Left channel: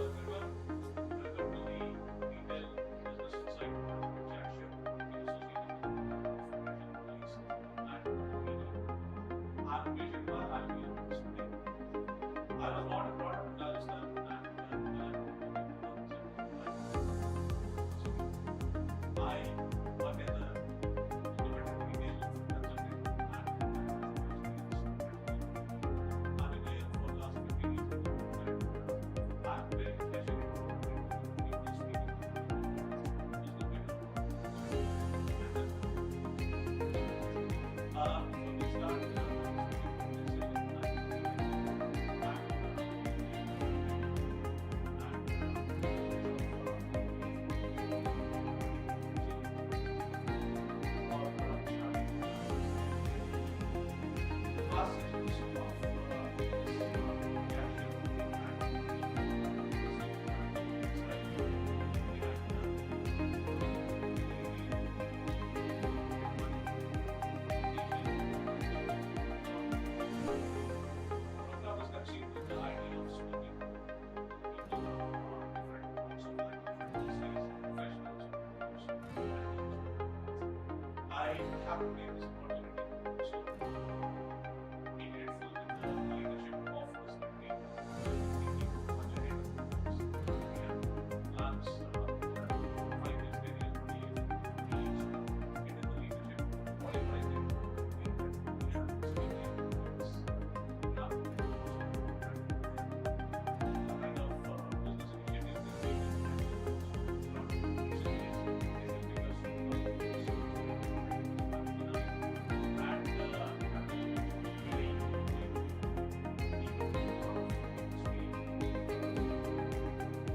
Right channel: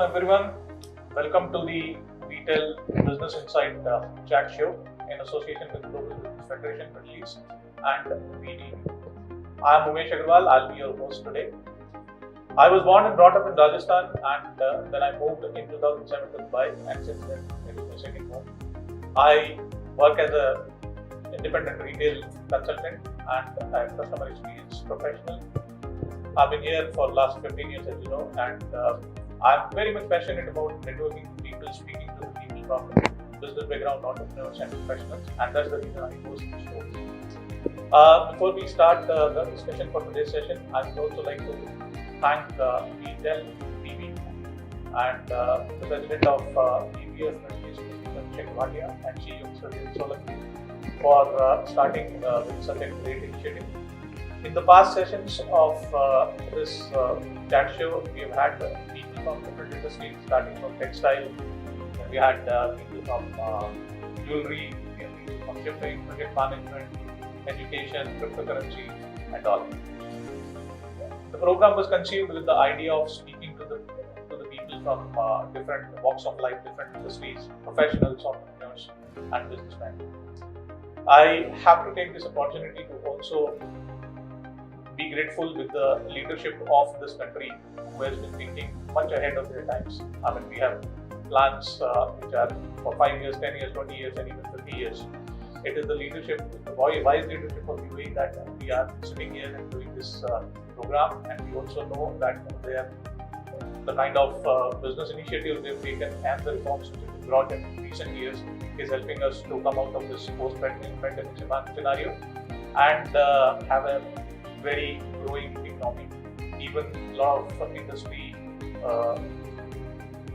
afternoon, everyone. Welcome to the Retail Business Insight chat show in association with Global Federation Middle East and VD. I am Umesh Agarwal. I'll be your host today. I was born and brought up in Rajasthan, and then I moved in 2007 to Dubai, and since then it is my second home. I work as a independent retail consultant and I'm customer experience professional. I've been here for the last 15 years, as you know, and I'm very much passionate about networking with people, speaking to people from business background, entrepreneurs and professionals, and that's the reason I host this show. Before we start the discussion for today's session, I would also like to thank Intel TV and the president of EBS, Sheikh Bhatia, and CEO Mr. Solanki for starting with such a great initiative. In the past sessions of this chat show, we've had people from different industries, starting from textile. We had people from jewelry, people from shipping, project management, education, cryptocurrency, and all. The program was conceived with the idea of speaking to the people from different walks of life, different industries, professionals, entrepreneurs, and businessmen. I have to take this opportunity to also be grateful with the leadership of this country who has been thinking much ahead of their times. I mean, we have plans which are for 5 years, 10 years, 20 years, and even 50 years. It is the leadership, the wise leadership of UAE that we are sitting here and doing this program, and we also know that the kind of business initiatives they've taken and the reforms which have been brought in recent years is helping us to come out of this post-pandemic scenario and have a very growing economy. Even a lot of industry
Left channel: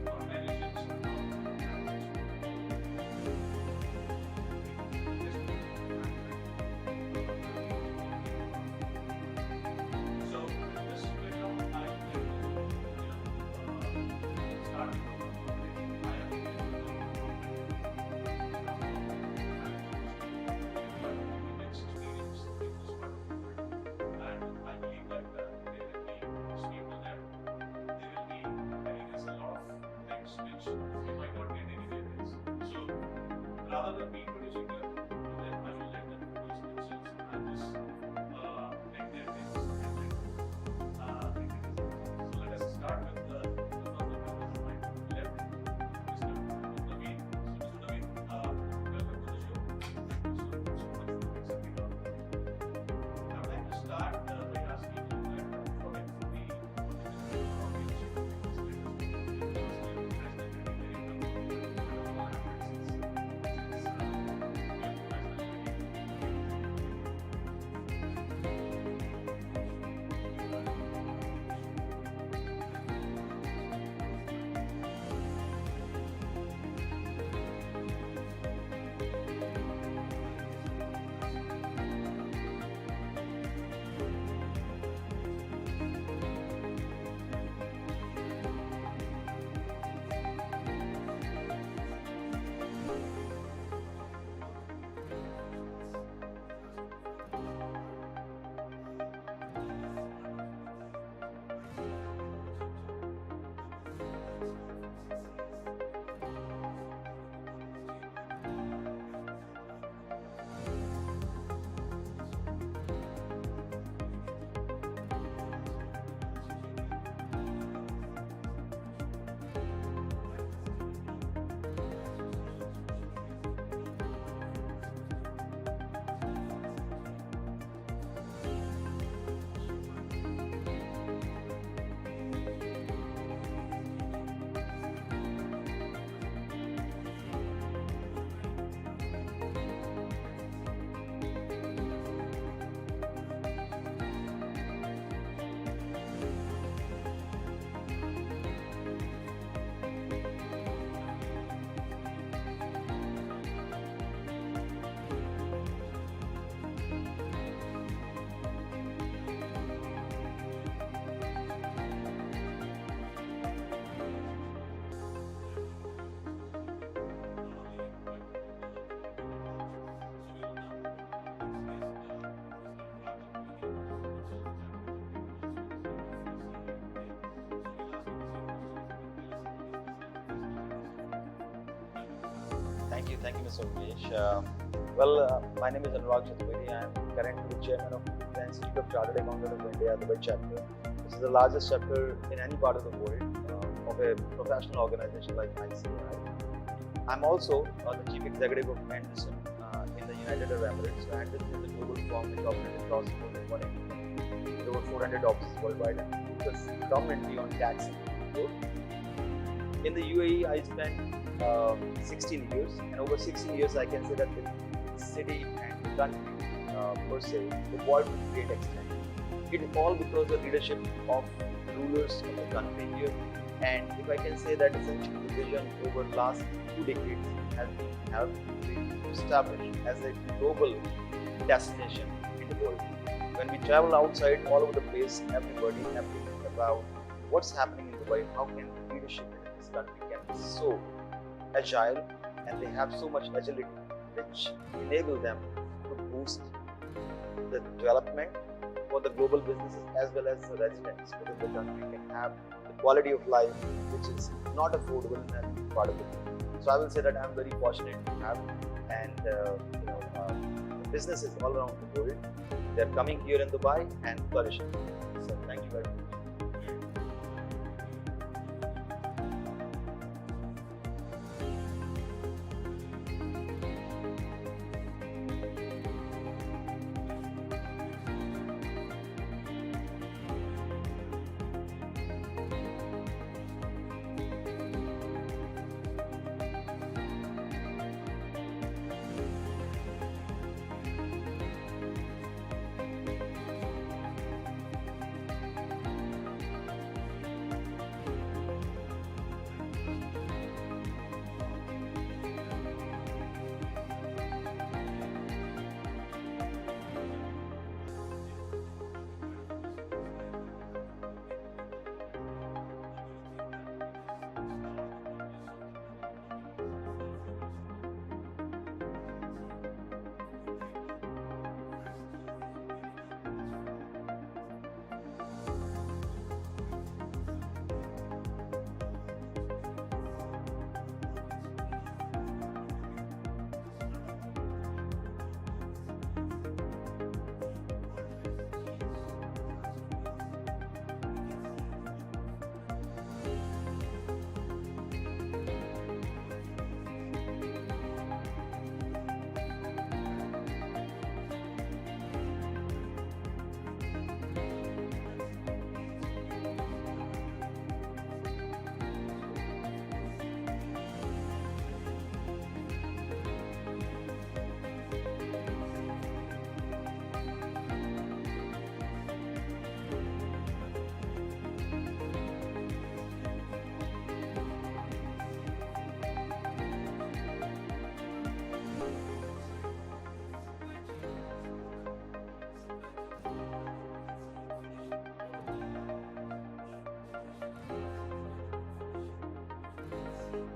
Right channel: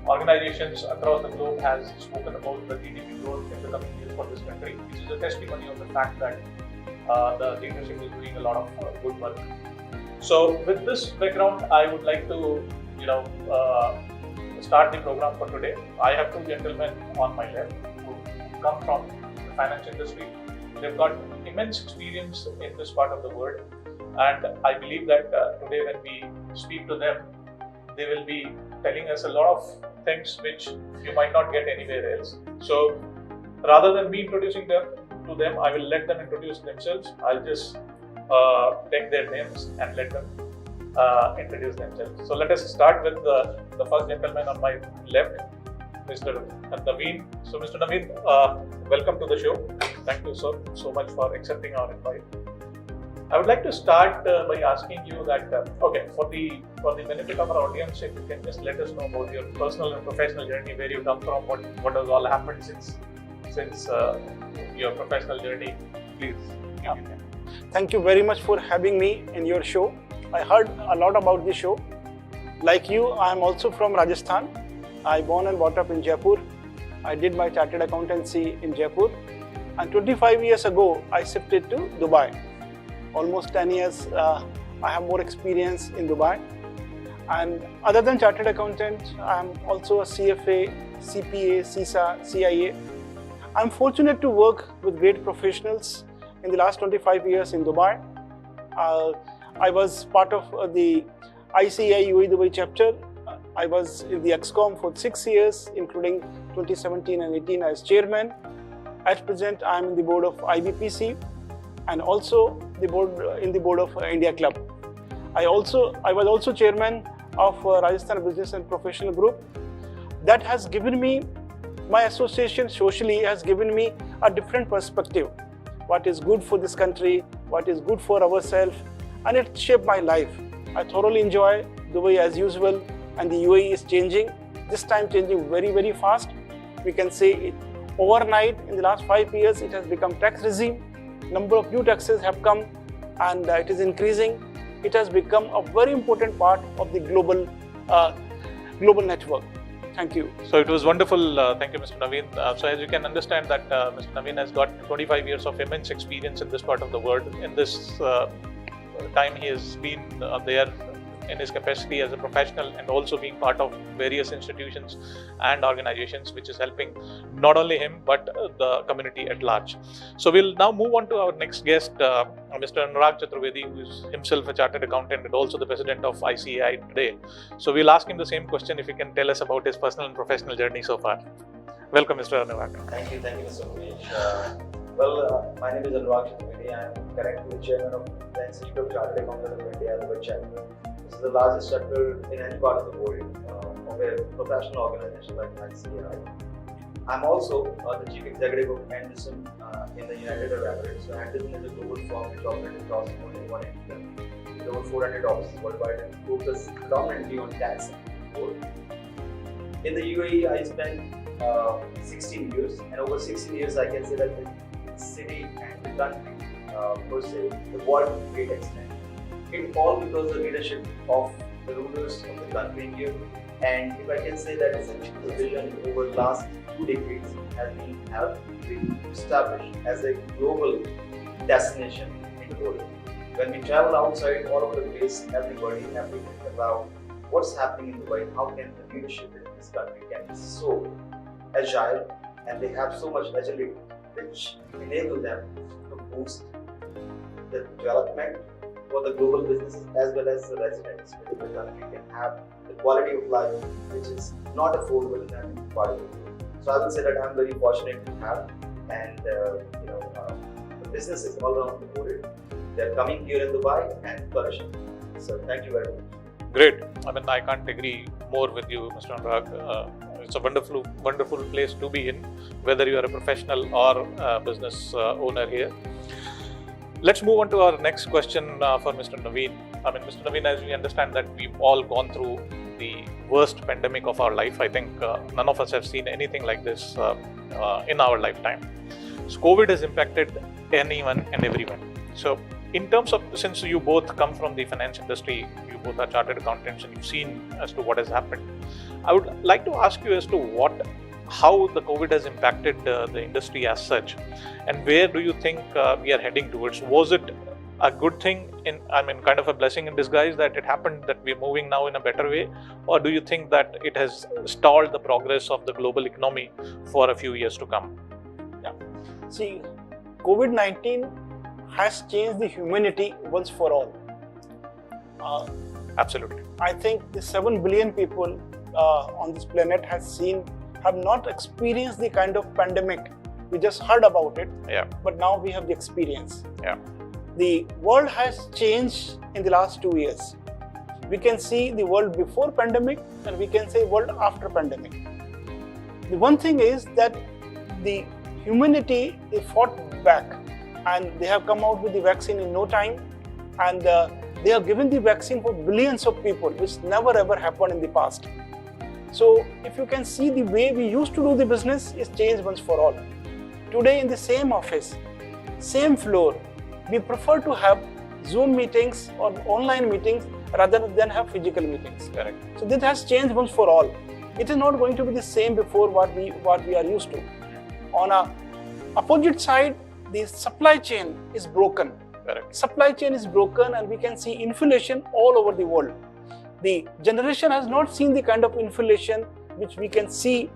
organizations across the globe has spoken about the GDP growth in the coming years for this country, which is a testimony of the fact that the leadership is doing a lot of good work. So with this background, I would like to start the program for today. I have two gentlemen on my left who come from the finance industry. They've got immense experience in this part of the world. And I believe that today when we speak to them, they will be telling us a lot of things which you might not get anywhere else. So rather than me introducing them to them, I will let them introduce themselves. I'll just take their names and let them introduce themselves. So let us start with the first gentleman on my left, Mr. Naveen. So Mr. Naveen, welcome to the show. Thank you so much for accepting our invite. I would like to start by asking you that, for the benefit of our audience, if you can just let us know about your personal and professional journey, where you come from, what has all happened since your professional journey, please. Yeah. Thank you very much for having me in your show. I heard a lot about the show. Like you, I am also from Rajasthan. I born and brought up in Jaipur. I did my chartered accountancy in Jaipur, and 25 years ago, I shifted to Dubai. Almost 10 years, I have more experience in Dubai. And other than chartered accountant, I'm also a CFA, CPA, CISA, CIA. I'm fortunate to work with great professionals in the last 25 years in Dubai. I was part of the ICAI UAE Dubai chapter. I was in the EXCOM for 6 years, including 2017 and 18 as chairman. At present, I'm in the board of IBPC and also the board of India Club. I was also chairman of Rajasthan Business and Professional Group. That has given me, my association socially has given me a different perspective. What is good for this country, what is good for ourselves, and it shaped my life. I thoroughly enjoy Dubai as usual, and the UAE is changing. This time changing very, very fast. We can say overnight in the last 5 years, it has become tax regime. Number of new taxes have come and it is increasing. It has become a very important part of the global network. Thank you. So it was wonderful. Thank you, Mr. Naveen. So as you can understand that Mr. Naveen has got 25 years of immense experience in this part of the world. In this time he has been there in his capacity as a professional and also being part of various institutions and organizations which is helping not only him but the community at large. So we'll now move on to our next guest, Mr. Anurag Chaturvedi, who is himself a chartered accountant and also the president of ICAI today. So we'll ask him the same question if he can tell us about his personal and professional journey so far. Welcome, Mr. Anurag. Thank you, Mr. Umesh. My name is Anurag Chaturvedi. I am currently chairman of the Institute of Chartered Accountants of India, the chapter. This is the largest chapter in any part of the world of a professional organization like ICAI. I'm also the chief executive of Anderson in the United Arab Emirates. So Anderson is a global firm which operates across more than 180 countries with over 400 offices worldwide and focus predominantly on tax and control. In the UAE, I spent 16 years, and over 16 years, I can say that the city and the country, per se, evolved to a great extent. It all because of the leadership of the rulers of the country here, and if I can say that essentially the vision over the last 2 decades has been established as a global destination in the world. When we travel outside all over the place, everybody think about what's happening in Dubai, how can the leadership in this country can be so agile and they have so much agility which enable them to boost the development for the global businesses as well as the residents within the country can have the quality of life which is not affordable in that part of the world. So I will say that I'm very fortunate to have and the businesses all around the world, they're coming here in Dubai and flourishing. So thank you very much. Great. I mean, I can't agree more with you, Mr. Anurag. It's a wonderful place to be in, whether you are a professional or a business owner here. Let's move on to our next question for Mr. Naveen. I mean, Mr. Naveen, as we understand that we've all gone through the worst pandemic of our life. I think none of us have seen anything like this in our lifetime. So COVID has impacted anyone and everyone. So in terms of, since you both come from the finance industry, you both are chartered accountants and you've seen as to what has happened, I would like to ask you as to how the COVID has impacted the industry as such, and where do you think we are heading towards? Was it a good thing, kind of a blessing in disguise that it happened, that we're moving now in a better way, or do you think that it has stalled the progress of the global economy for a few years to come? Yeah. See, COVID-19 has changed the humanity once for all. Absolutely. I think the 7 billion people on this planet have not experienced the kind of pandemic. We just heard about it, but now we have the experience. Yeah. The world has changed in the last 2 years. We can see the world before pandemic and we can say world after pandemic. The one thing is that the humanity is fought back and they have come out with the vaccine in no time, and they have given the vaccine for billions of people, which never ever happened in the past. So if you can see, the way we used to do the business is changed once for all. Today in the same office, same floor, we prefer to have Zoom meetings or online meetings rather than have physical meetings. Correct. So this has changed once for all. It is not going to be the same before what we are used to. On a opposite side, the supply chain is broken. Correct. Supply chain is broken and we can see inflation all over the world. The generation has not seen the kind of inflation which we can see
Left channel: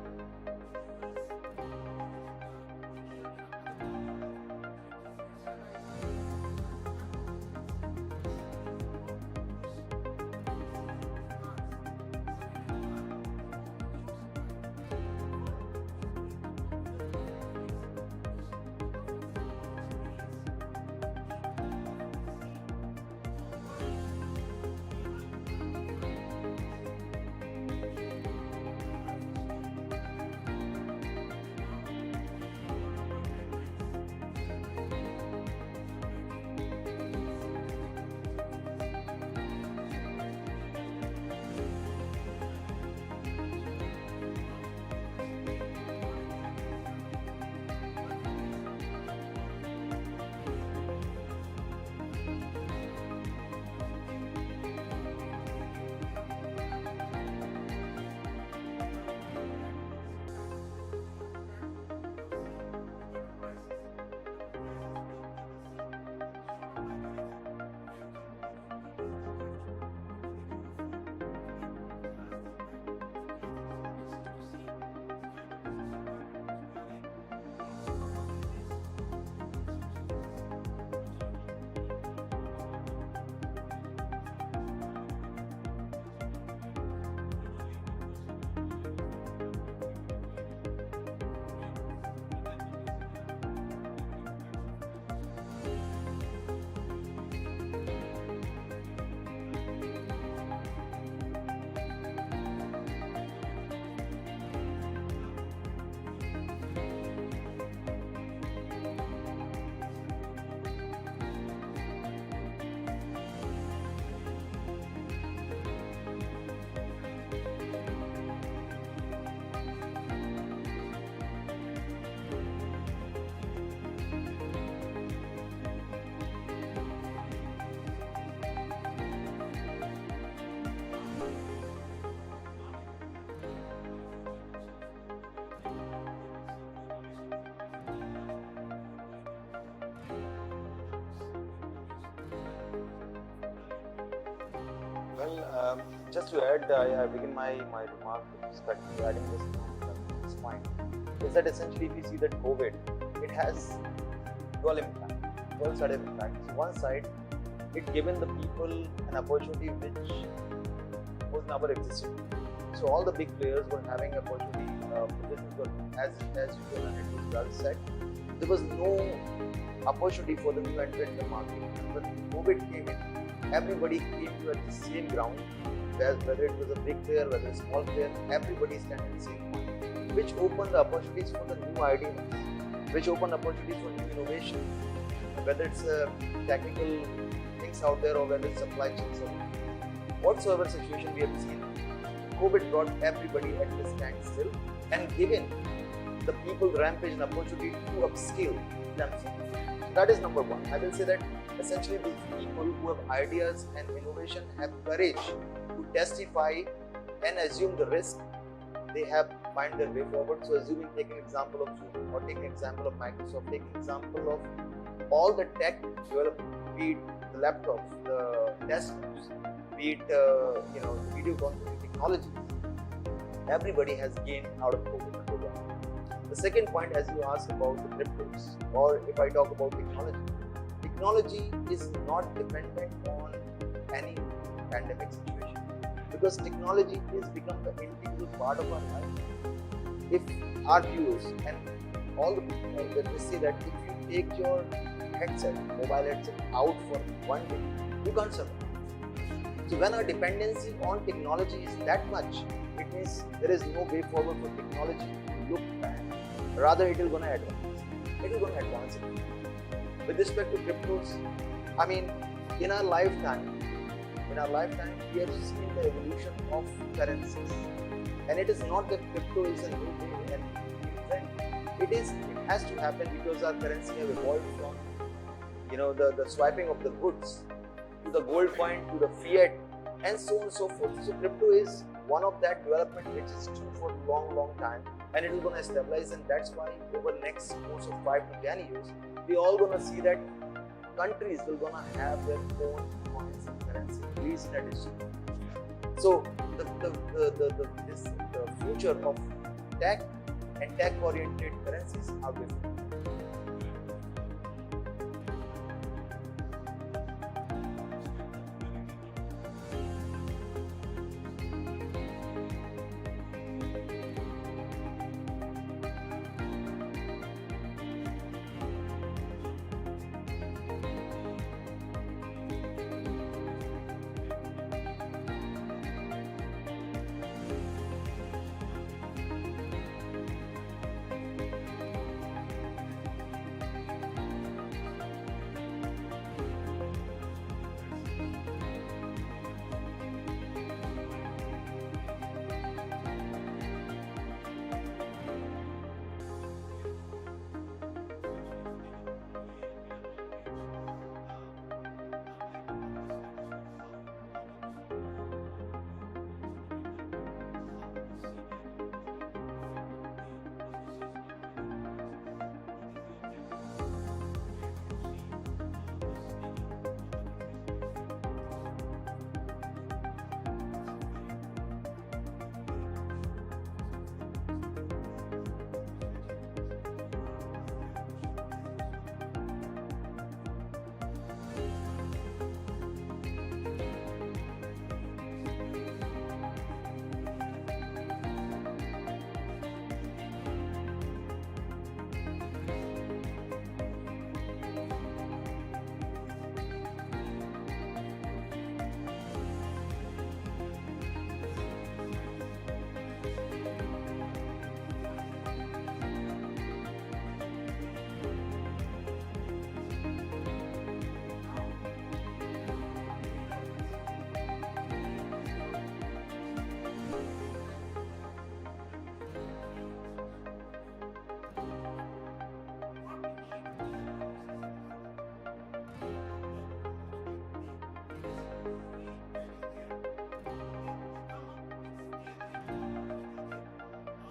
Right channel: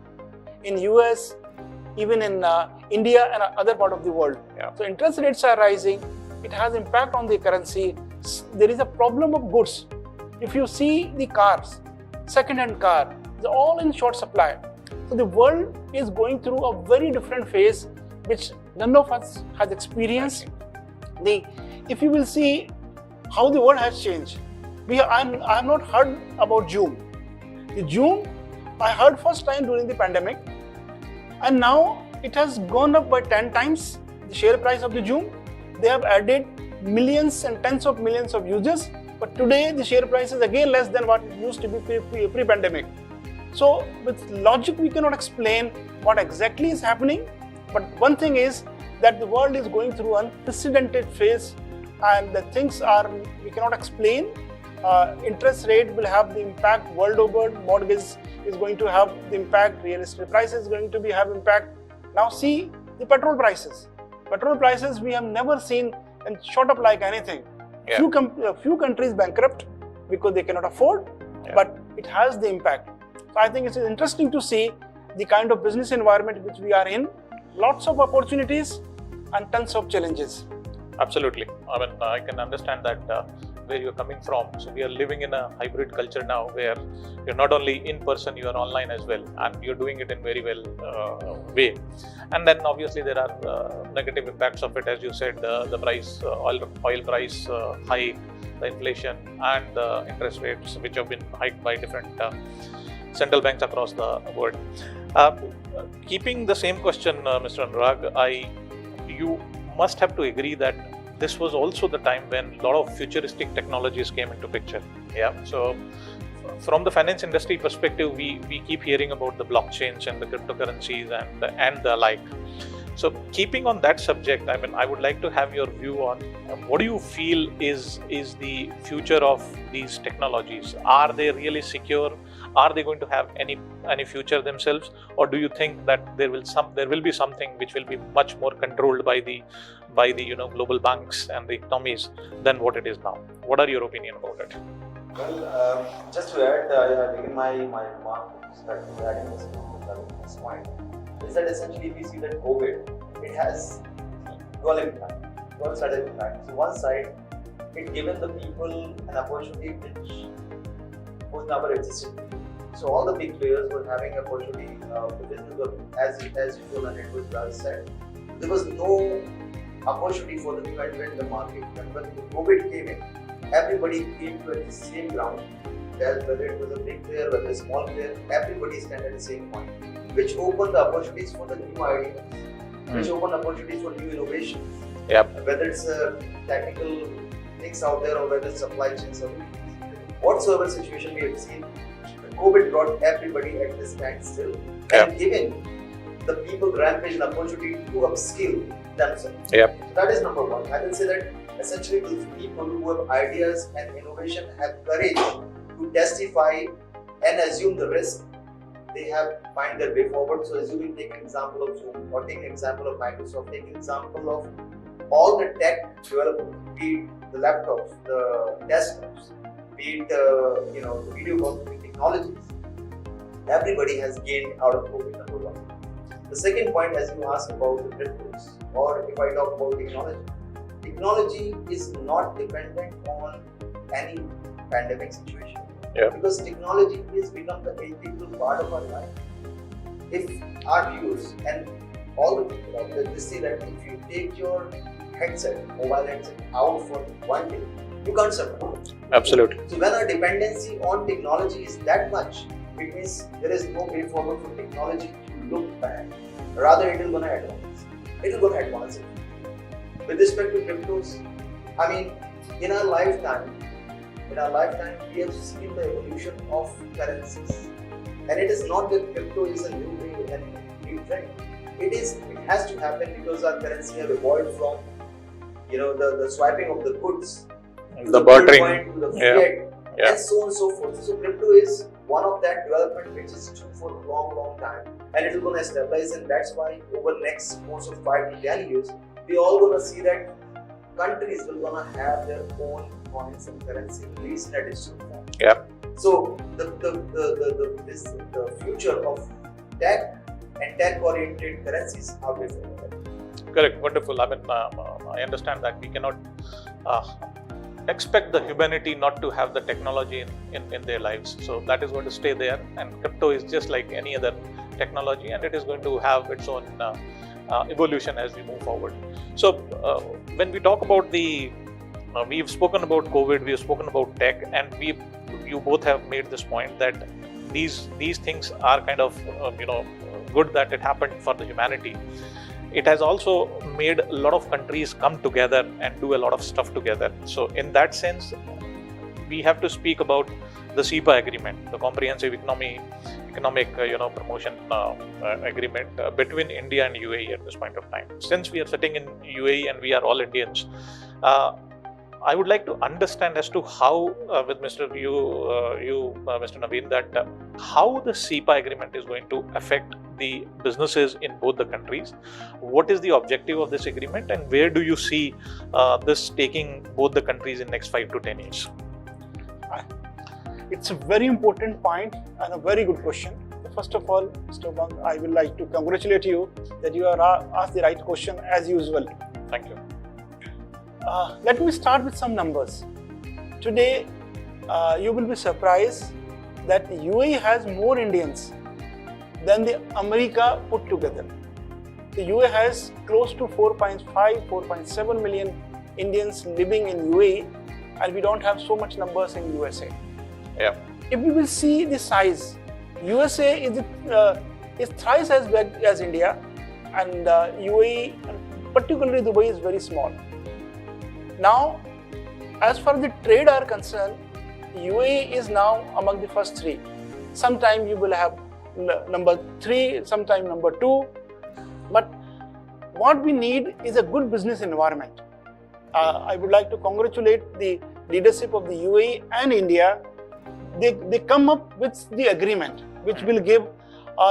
in US, even in India and other part of the world. Yeah. So interest rates are rising. It has impact on the currency. There is a problem of goods. If you see the cars, second-hand car, they're all in short supply. So the world is going through a very different phase which none of us has experienced. If you will see how the world has changed, I have not heard about Zoom. The Zoom I heard first time during the pandemic, and now it has gone up by 10 times the share price of the Zoom. They have added millions and tens of millions of users, but today the share price is again less than what it used to be pre-pandemic. So with logic we cannot explain what exactly is happening, but one thing is that the world is going through an unprecedented phase and the things we cannot explain. Interest rate will have the impact world over, mortgage is going to have the impact, real estate prices is going to have impact. Now see the petrol prices. Petrol prices we have never seen and shot up like anything. Yeah. Few countries bankrupt because they cannot afford, but it has the impact. So I think it's interesting to see the kind of business environment which we are in. Lots of opportunities and tons of challenges. Absolutely. I mean, I can understand that where you're coming from. So we are living in a hybrid culture now, where you're not only in person, you are online as well, and you're doing it in very well way. And then obviously there are negative impacts of it, as you said, the price, oil price hike, the inflation, and the interest rates which have been hiked by different central banks across the world. Keeping the same question, Mr. Anurag, you must have to agree that this was also the time when a lot of futuristic technologies came into picture. Yeah. So from the finance industry perspective, we keep hearing about the blockchains and the cryptocurrencies and the like. So keeping on that subject, I mean, I would like to have your view on what do you feel is the future of these technologies? Are they really secure? Are they going to have any future themselves, or do you think that there will be something which will be much more controlled by the global banks and the economies than what it is now? What are your opinion about it? Well, just to add, I begin my remark with respect to adding this point, is that essentially if you see that COVID, it has dual sided impact. So one side, it given the people an opportunity which was never existed. So all the big players were having an opportunity as you and it was said, there was no opportunity for the new entrant in the market. And when COVID came in, everybody came to the same ground. Whether it was a big player, whether a small player, everybody stand at the same point, which opened the opportunities for the new ideas, which opened opportunities for new innovation. Yep. Whether it's technical things out there or whether it's supply chain solutions. Whatsoever situation we have seen, COVID brought everybody at this standstill and giving the people rampage an opportunity to upskill themselves. Yep. So that is number one. I will say that essentially those people who have ideas and innovation have courage to testify and assume the risk, they have find their way forward. So assuming, take an example of Zoom, or take an example of Microsoft, take an example of all the tech development, be it the laptops, the desktops, be it video conferencing technologies. Everybody has gained out of COVID, number one. The second point, as you asked about the cryptos, or if I talk about technology is not dependent on any pandemic situation. Yeah. Because technology has become the integral part of our life. If our viewers and all the people out there, they see that if you take your mobile headset out for 1 day, you can't survive. Absolutely. So when our dependency on technology is that much, it means there is no way forward for technology to look back. Rather, it is going to advance. It is going to advance it. With respect to cryptos, I mean, in our lifetime, we have seen the evolution of currencies. And it is not that crypto is a new way and new trend. It has to happen because our currency have evolved from, the swiping of the goods, the bartering, to the fiat, and so on and so forth. So crypto is one of that development which is due for a long time, and it is going to stabilize, and that's why over the next course of 5 to 10 years, we all going to see that countries will going to have their own coins and currency, at least in addition to that. Yeah. So the future of tech and tech-oriented currencies are different. Correct. Wonderful. I mean, I understand that we cannot expect the humanity not to have the technology in their lives. So that is going to stay there, and crypto is just like any other technology, and it is going to have its own evolution as we move forward. So when we talk about we've spoken about COVID, we've spoken about tech, and you both have made this point that these things are kind of good that it happened for the humanity. It has also made a lot of countries come together and do a lot of stuff together. So in that sense, we have to speak about the CEPA agreement, the Comprehensive Economic Promotion Agreement between India and UAE at this point of time. Since we are sitting in UAE and we are all Indians, I would like to understand as to how, with Mr. Naveen, that how the CEPA agreement is going to affect the businesses in both the countries. What is the objective of this agreement, and where do you see this taking both the countries in next 5 to 10 years? It's a very important point and a very good question. First of all, Mr. Bang, I would like to congratulate you that you are asked the right question as usual. Thank you. Let me start with some numbers. Today, you will be surprised that UAE has more Indians than the America put together. The UAE has close to 4.5, 4.7 million Indians living in UAE, and we don't have so much numbers in USA. Yeah. If we will see the size, USA is thrice as big as India, and UAE, particularly Dubai, is very small. Now, as far as the trade are concerned, UAE is now among the first three. Sometime you will have number 3, sometime number 2. But what we need is a good business environment. I would like to congratulate the leadership of the UAE and India. They come up with the agreement, which will give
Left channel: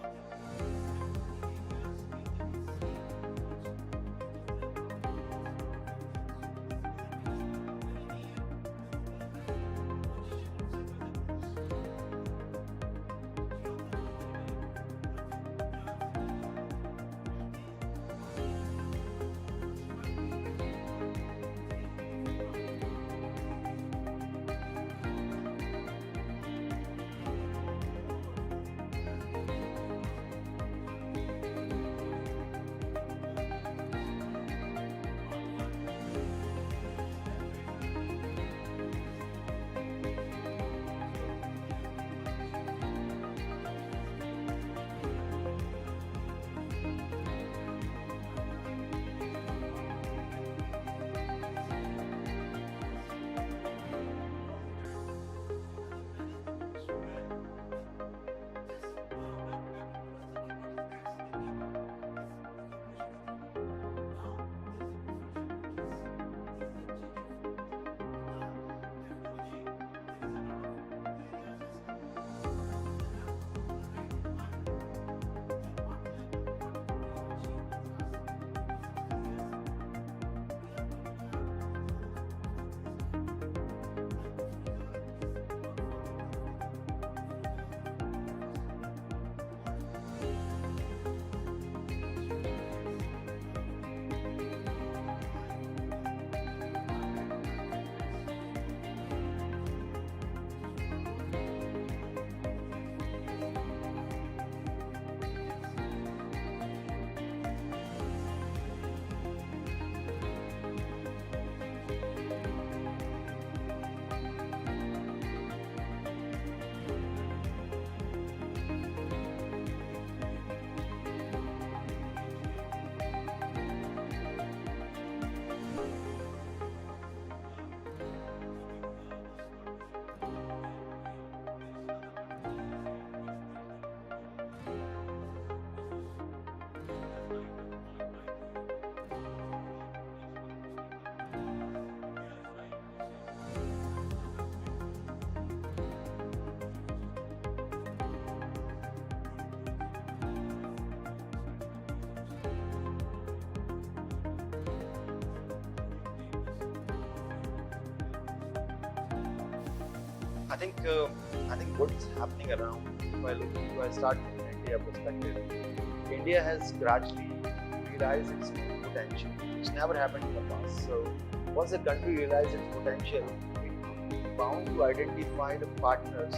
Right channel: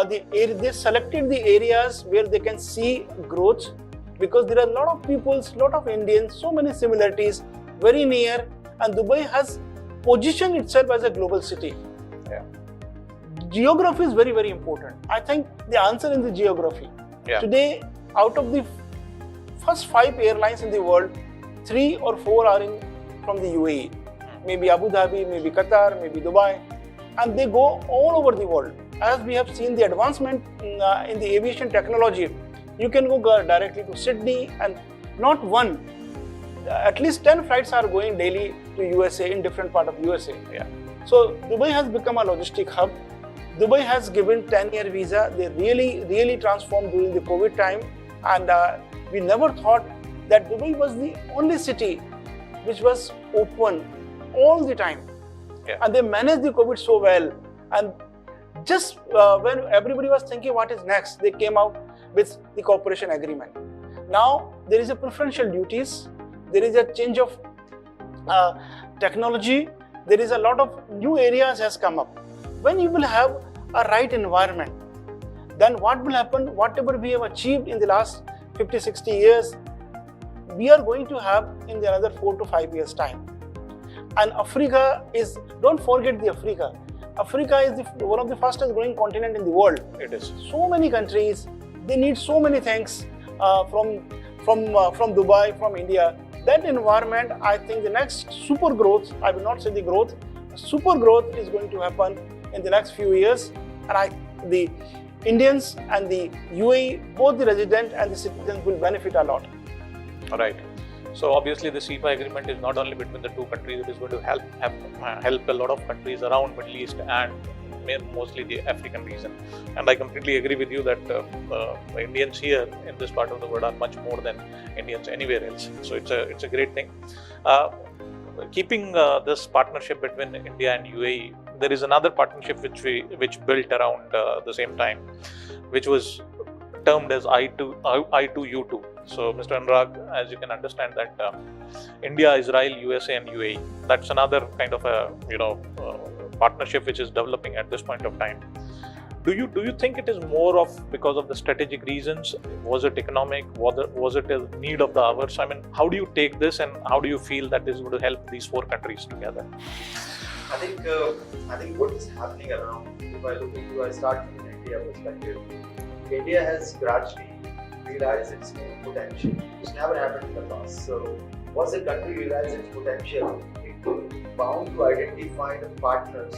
they selected the areas where they can see growth, because there are a lot of people, lot of Indians, so many similarities, very near, and Dubai has positioned itself as a global city. Yeah. Geography is very, very important. I think the answer is the geography. Yeah. Today, out of the first 5 airlines in the world, 3 or 4 are from the UAE. Maybe Abu Dhabi, maybe Qatar, maybe Dubai, and they go all over the world. As we have seen the advancement in the aviation technology, you can go directly to Sydney, and not one, at least 10 flights are going daily to USA in different part of USA. Yeah. So Dubai has become a logistic hub. Dubai has given 10-year visa. They really transformed during the COVID time, and we never thought that Dubai was the only city which was open all the time. Yeah. And they managed the COVID so well. And just when everybody was thinking what is next, they came out with the cooperation agreement. Now there is a preferential duties, there is a change of technology, there is a lot of new areas has come up. When you will have a right environment, then what will happen? Whatever we have achieved in the last 50-60 years, we are going to have in the another 4 to 5 years time. And Africa is, don't forget the Africa. Africa is one of the fastest growing continent in the world. It is. So many countries, they need so many things from Dubai, from India. That environment, I think the next super growth, I will not say the growth, super growth is going to happen in the next few years. And the Indians and the UAE, both the residents and the citizens will benefit a lot. All right. So obviously the CEPA agreement is not only between the two countries, it is going to help a lot of countries around Middle East and mostly the African region. And I completely agree with you that the Indians here in this part of the world are much more than Indians anywhere else. So it's a great thing. Keeping this partnership between India and UAE, there is another partnership which built around the same time, which was termed as I2U2. So Mr. Anurag, as you can understand that India, Israel, USA and UAE, that's another kind of a partnership which is developing at this point of time. Do you think it is more of because of the strategic reasons? Was it economic? Was it a need of the hours? I mean, how do you take this and how do you feel that this is going to help these 4 countries together? I think what is happening around, if I start from India perspective, India has gradually realized its own potential, which never happened in the past. So once a country realizes its potential, it is bound to identify the partners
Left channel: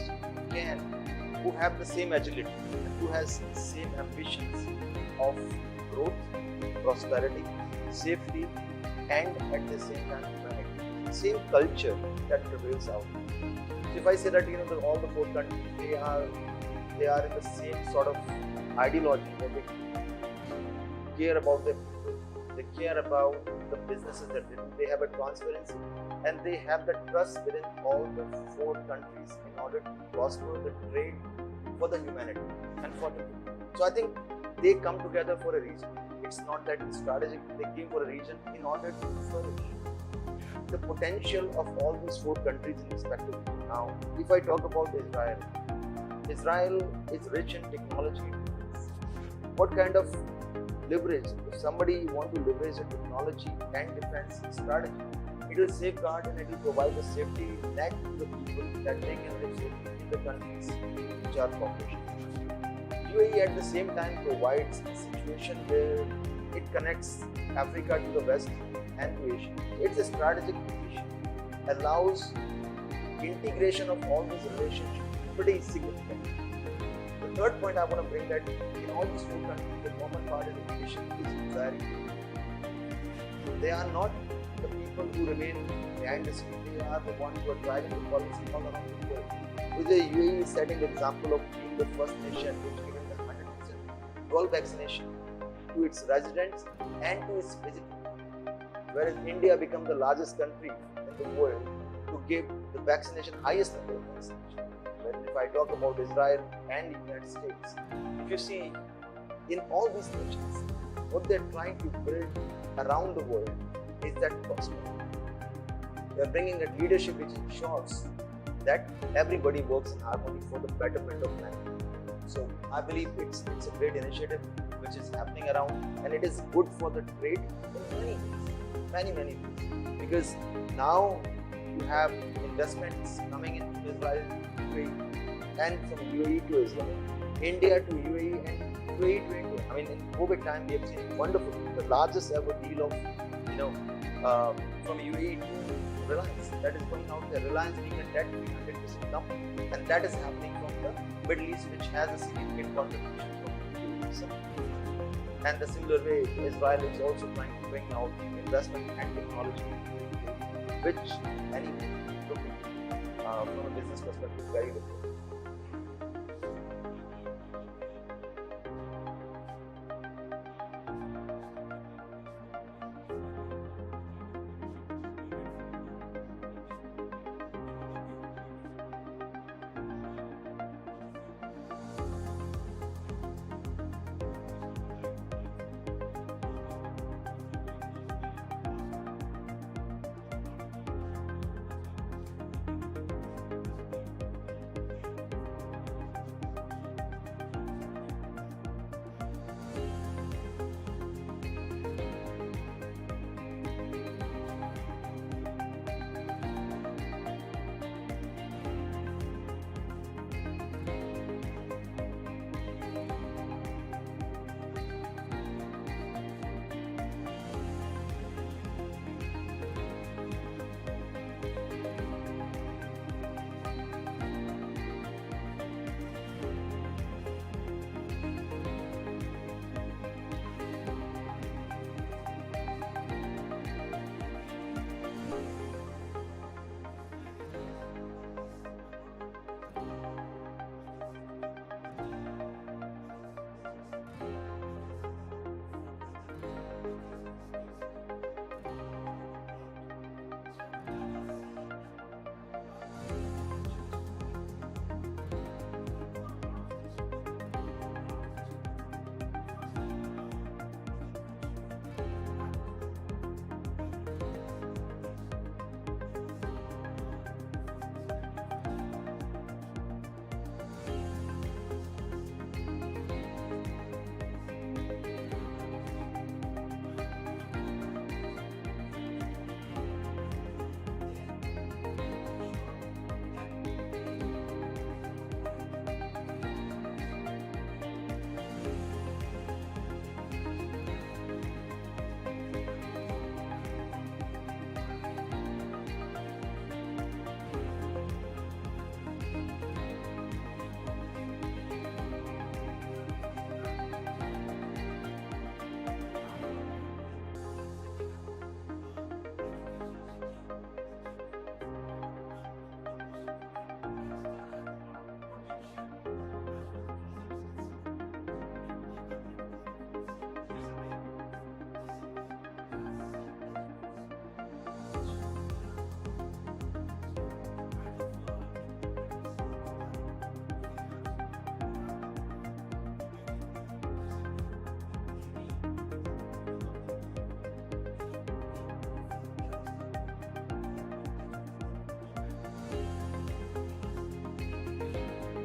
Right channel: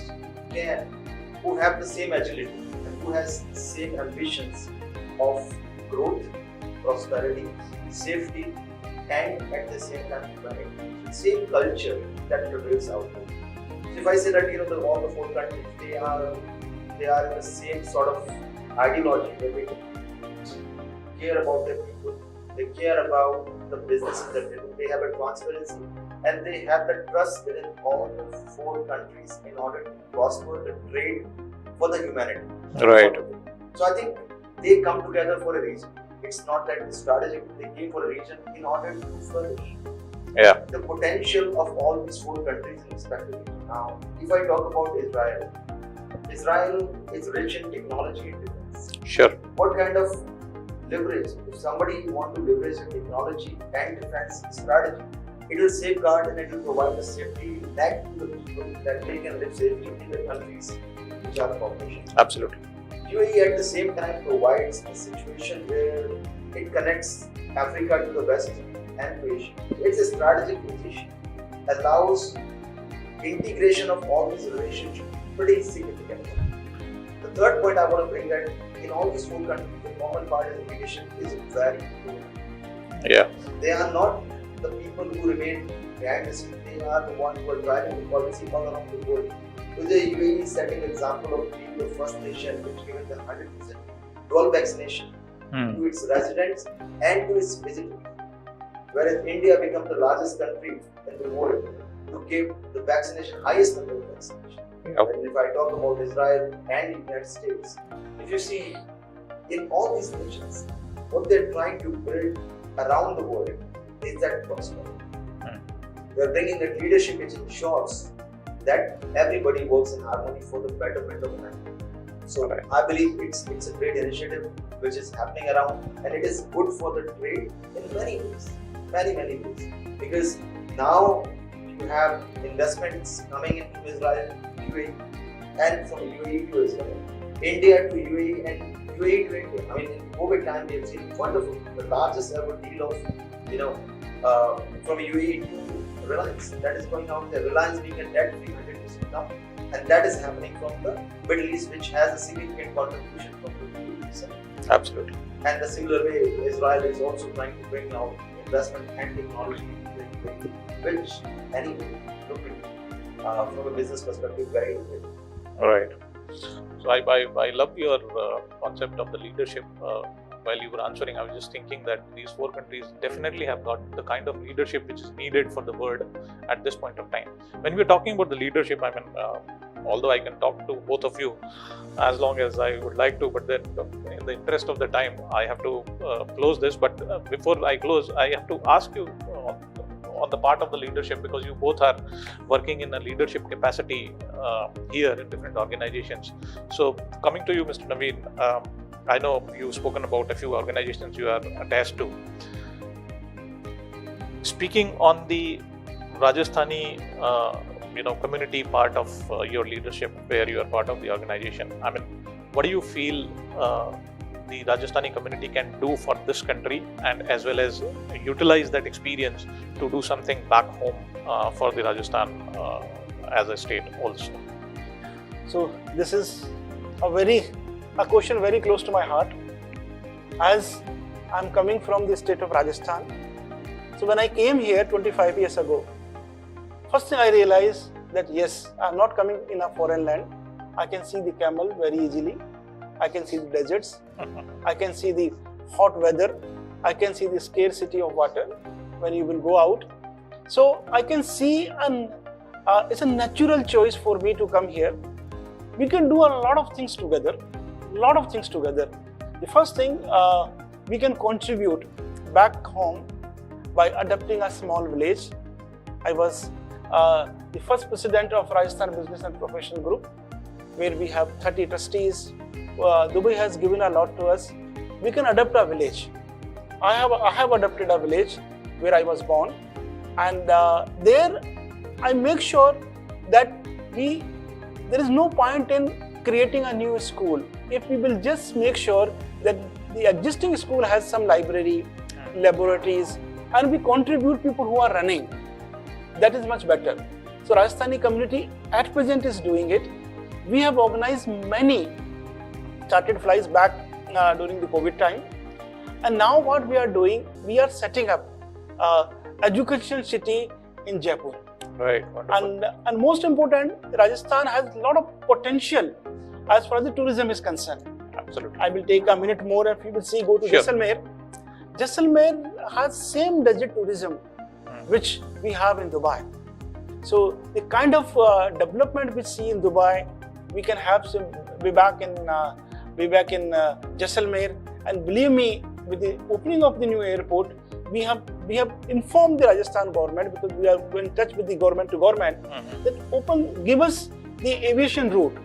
who have the same agility, who has the same ambitions of growth, prosperity, safety, and at the same time humanity. Same culture that prevails out there. So if I say that all the 4 countries they are in the same sort of ideology, where they care about their people, they care about the businesses that they do, they have a transparency, and they have the trust within all the 4 countries in order to prosper the trade for the humanity. Right. So I think they come together for a reason. It's not that it's strategic, they came for a reason in order to furnish the potential of all these 4 countries respectively. Now, if I talk about Israel is rich in technology and defense. Sure. What kind of leverage? If somebody wants to leverage a technology and defense strategy, it will safeguard and it will provide the safety neck to the people that they can live safely in the countries which are population. Absolutely. UAE at the same time provides a situation where it connects Africa to the west and to Asia. It's a strategic position, allows integration of all these relationships pretty significantly. The third point I want to bring that in all these four countries, the common part of leadership is very important. Yeah. They are not the people who remain behind the scene, they are the ones who are driving the policy all around the world. With the UAE setting example of being the first nation which given the 100% dual vaccination to its residents and to its visitors. Whereas India became the largest country in the world to give the vaccination, highest number of vaccination. Okay. And if I talk about Israel and the United States, if you see in all these nations, what they're trying to build around the world is that prosperity. They're bringing a leadership which ensures that everybody works in harmony for the betterment of man. So Right. I believe it's a great initiative which is happening around, and it is good for the trade in many ways, many ways. Because now you have investments coming into Israel, UAE, and from UAE to Israel, India to UAE, and UAE to India. I mean, in COVID time we have seen wonderful, the largest ever deal of from UAE to Reliance. That is going on. The Reliance being a debt 300% now, and that is happening from the Middle East, which has a significant contribution from the UAE. Absolutely. And the similar way, Israel is also trying to bring out investment and technology, which anyway, from a business perspective, very important. All right. So I love your concept of the leadership. While you were answering, I was just thinking that these four countries definitely have got the kind of leadership which is needed for the world at this point of time. When we're talking about the leadership, I mean, although I can talk to both of you as long as I would like to, but then in the interest of the time, I have to close this. But before I close, I have to ask you on the part of the leadership, because you both are working in a leadership capacity here in different organizations. So coming to you, Mr. Naveen, I know you've spoken about a few organizations you are attached to. Speaking on the Rajasthani community part of your leadership, where you are part of the organization, I mean, what do you feel the Rajasthani community can do for this country, and as well as utilize that experience to do something back home for the Rajasthan as a state also? So this is a question very close to my heart, as I'm coming from the state of Rajasthan. So when I came here 25 years ago, first thing I realized that yes, I'm not coming in a foreign land. I can see the camel very easily. I can see the deserts. I can see the hot weather. I can see the scarcity of water when you will go out. So I can see, and it's a natural choice for me to come here. We can do a lot of things together. The first thing, we can contribute back home by adopting a small village. I was the first president of Rajasthan Business and Professional Group, where we have 30 trustees. Dubai has given a lot to us. We can adopt a village. I have adopted a village where I was born, and there I make sure that there is no point in creating a new school if we will just make sure that the existing school has some library, laboratories, and we contribute people who are running. That is much better. So Rajasthani community at present is doing it. We have organized many chartered flights back during the COVID time. And now what we are doing, we are setting up education city in Jaipur. Right. And most important, Rajasthan has a lot of potential as far as the tourism is concerned. Absolutely. I will take a minute more and we will see, go to Sure. Jaisalmer. Jaisalmer has same desert tourism which we have in Dubai. So the kind of development we see in Dubai, we can have some be back in Jaisalmer. And believe me, with the opening of the new airport, we have informed the Rajasthan government, because we are in touch with the government to government, that give us the aviation route.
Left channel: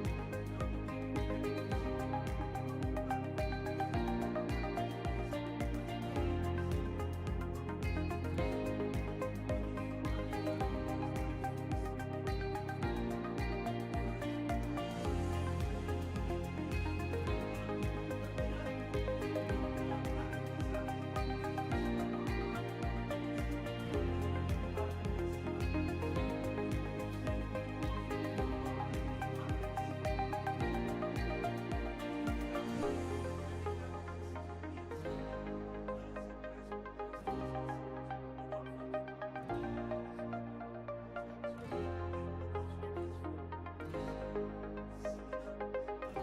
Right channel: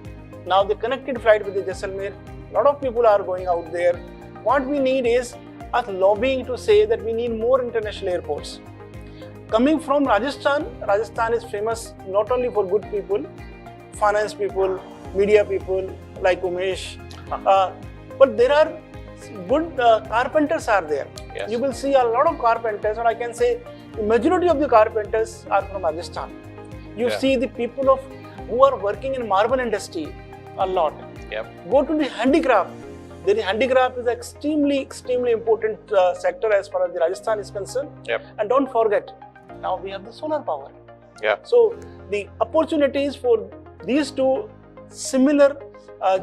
Now the connected flight with the Jaisalmer, a lot of people are going out there. What we need is us lobbying to say that we need more international airports. coming from Rajasthan, Rajasthan is famous not only for good people, finance people, media people like Umesh, but there are good carpenters are there. Yes. You will see a lot of carpenters, and I can say the majority of the carpenters are from Rajasthan. You Yeah. see the people who are working in marble industry a lot. Yep. Go to the handicraft. The handicraft is extremely important sector as far as the Rajasthan is concerned. Yep. And don't forget, now we have the solar power. Yeah. So the opportunities for these two similar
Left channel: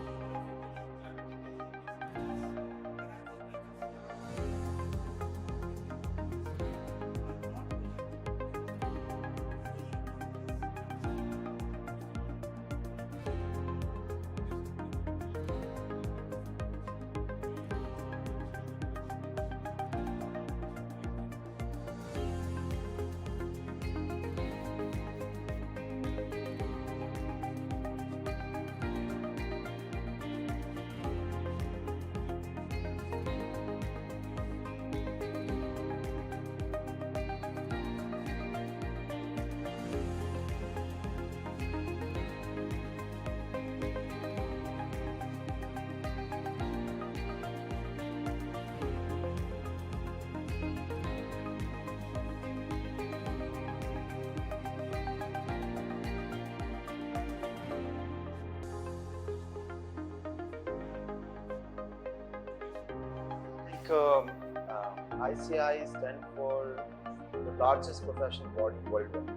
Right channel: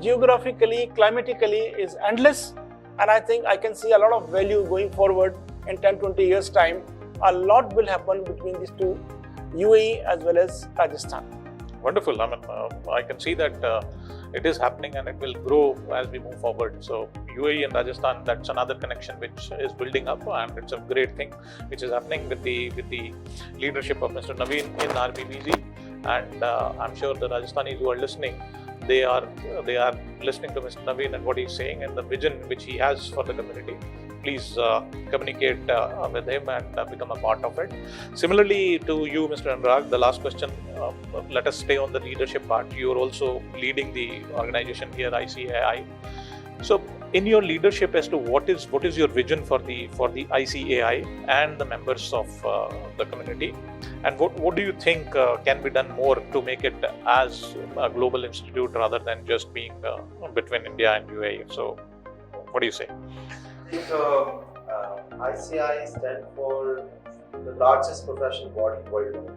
geographically, climatically is endless, and I think I can see a lot of value going forward in 10-20 years time. A lot will happen between these two, UAE as well as Rajasthan. Wonderful. I mean, I can see that it is happening and it will grow as we move forward. So UAE and Rajasthan, that's another connection which is building up, and it's a great thing which is happening with the leadership of Mr. Naveen in RBBZ. And I'm sure the Rajasthanis who are listening, they are listening to Mr. Naveen and what he's saying and the vision which he has for the community. Please communicate with him and become a part of it. Similarly to you, Mr. Anurag, the last question, let us stay on the leadership part. You are also leading the organization here, ICAI. So in your leadership as to what is your vision for the ICAI and the members of the community, and what do you think can be done more to make it as a global institute rather than just being between India and UAE? So what do you say? I think ICAI stands for the largest professional body worldwide.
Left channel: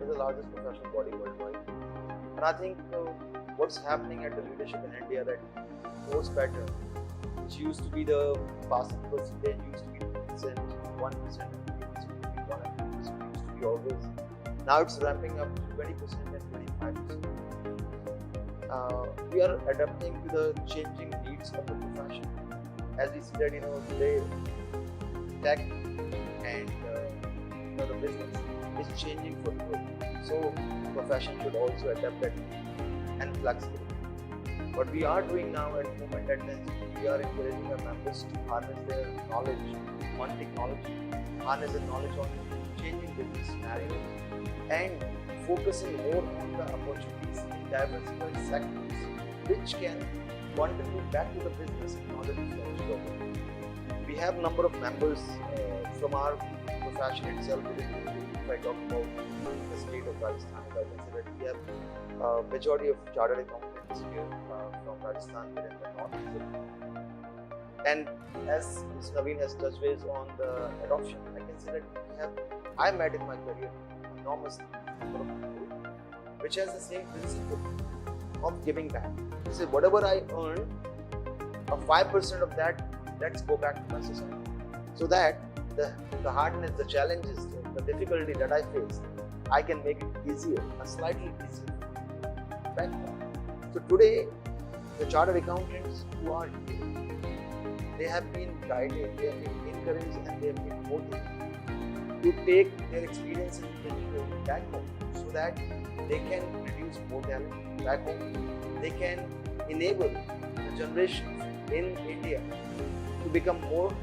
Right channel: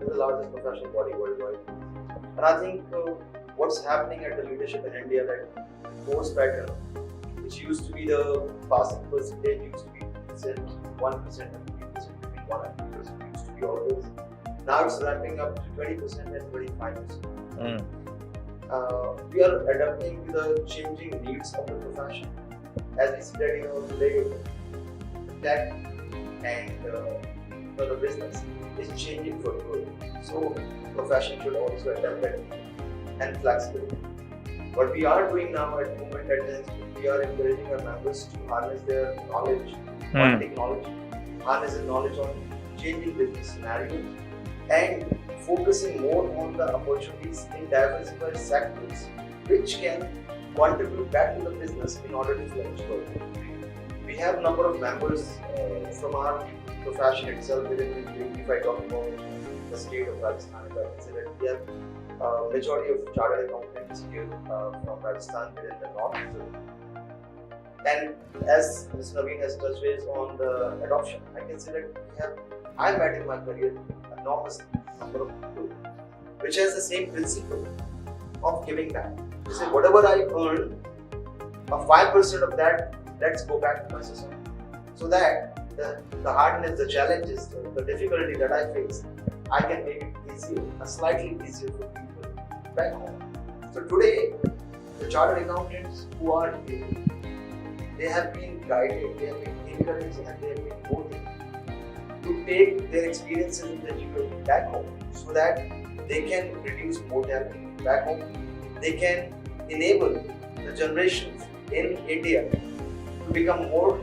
It's the largest professional body worldwide. And I think what's happening at the leadership in India, that post pattern, which used to be the passing percentage, used to be 1%, 1%, 1% used to be always. Now it's ramping up to 20% and 25%. We are adapting to the changing needs of the profession. As we see that, today tech and the business is changing for growth. So profession should also adapt that and flexibility. What we are doing now at the moment is we are encouraging our members to harness their knowledge on technology, harness their knowledge on changing business scenarios, and focusing more on the opportunities in diversified sectors which can contribute back to the business in order to flourish further. We have a number of members from our profession itself within the UAE. If I talk about the state of Rajasthan, I consider we have majority of chartered accountants here from Rajasthan within the north. And as Mr. Naveen has touched base on the adoption, I can say that I met in my career enormous number of people which has the same principle of giving back. They say whatever I earn, a 5% of that, let's go back to my society. So that the hardness, the challenges, the difficulty that I face, I can make it easier, slightly easier for people back home. So today, the chartered accountants who are here, they have been guided, they have been encouraged, and they have been motivated to take their experiences in the education back home so that they can reduce mortality back home. They can enable the generations in India to become more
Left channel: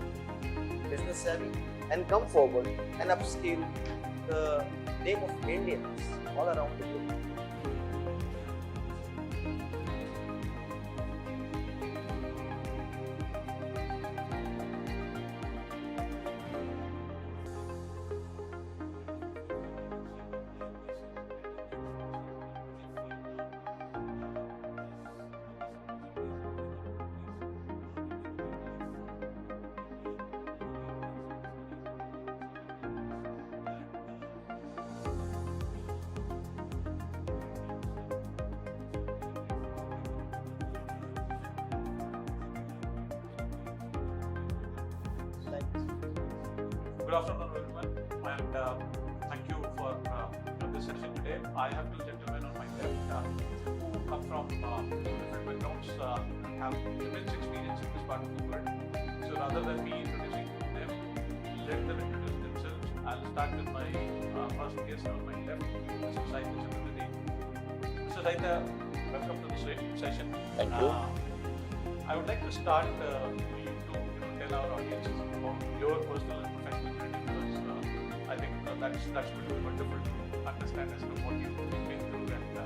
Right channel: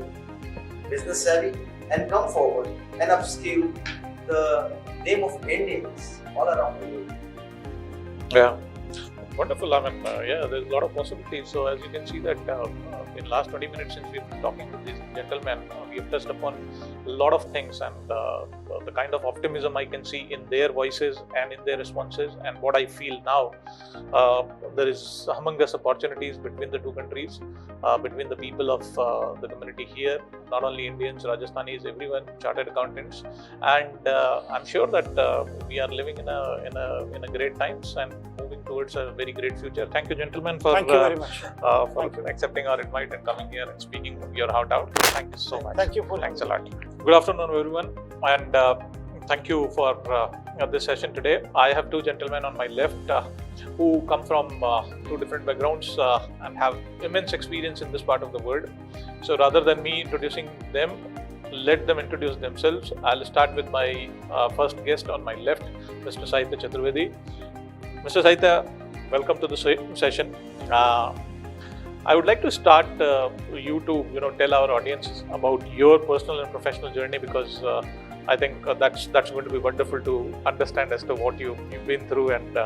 business savvy and come forward and upskill the name of Indians all around the world. Yeah, wonderful. I mean, there's a lot of possibilities. So as you can see that in the last 20 minutes since we've been talking with these gentlemen, we've touched upon a lot of things, and the kind of optimism I can see in their voices and in their responses, and what I feel now, there is humongous opportunities between the two countries, between the people of the community here, not only Indians, Rajasthanis, everyone, chartered accountants, and I'm sure that we are living in a great times and moving towards a very great future. Thank you, gentlemen, for Thank you very much. for accepting our invite and coming here and speaking your heart out. Thank you so much. Thank you for Thanks a lot. Good afternoon, everyone, and thank you for this session today. I have two gentlemen on my left who come from two different backgrounds and have immense experience in this part of the world. So rather than me introducing them, let them introduce themselves. I'll start with my first guest on my left, Mr. Sahitya Chaturvedi. Mr. Sahitya, welcome to the session. I would like to start you to tell our audience about your personal and professional journey, because I think that's going to be wonderful to understand as to what you've been through and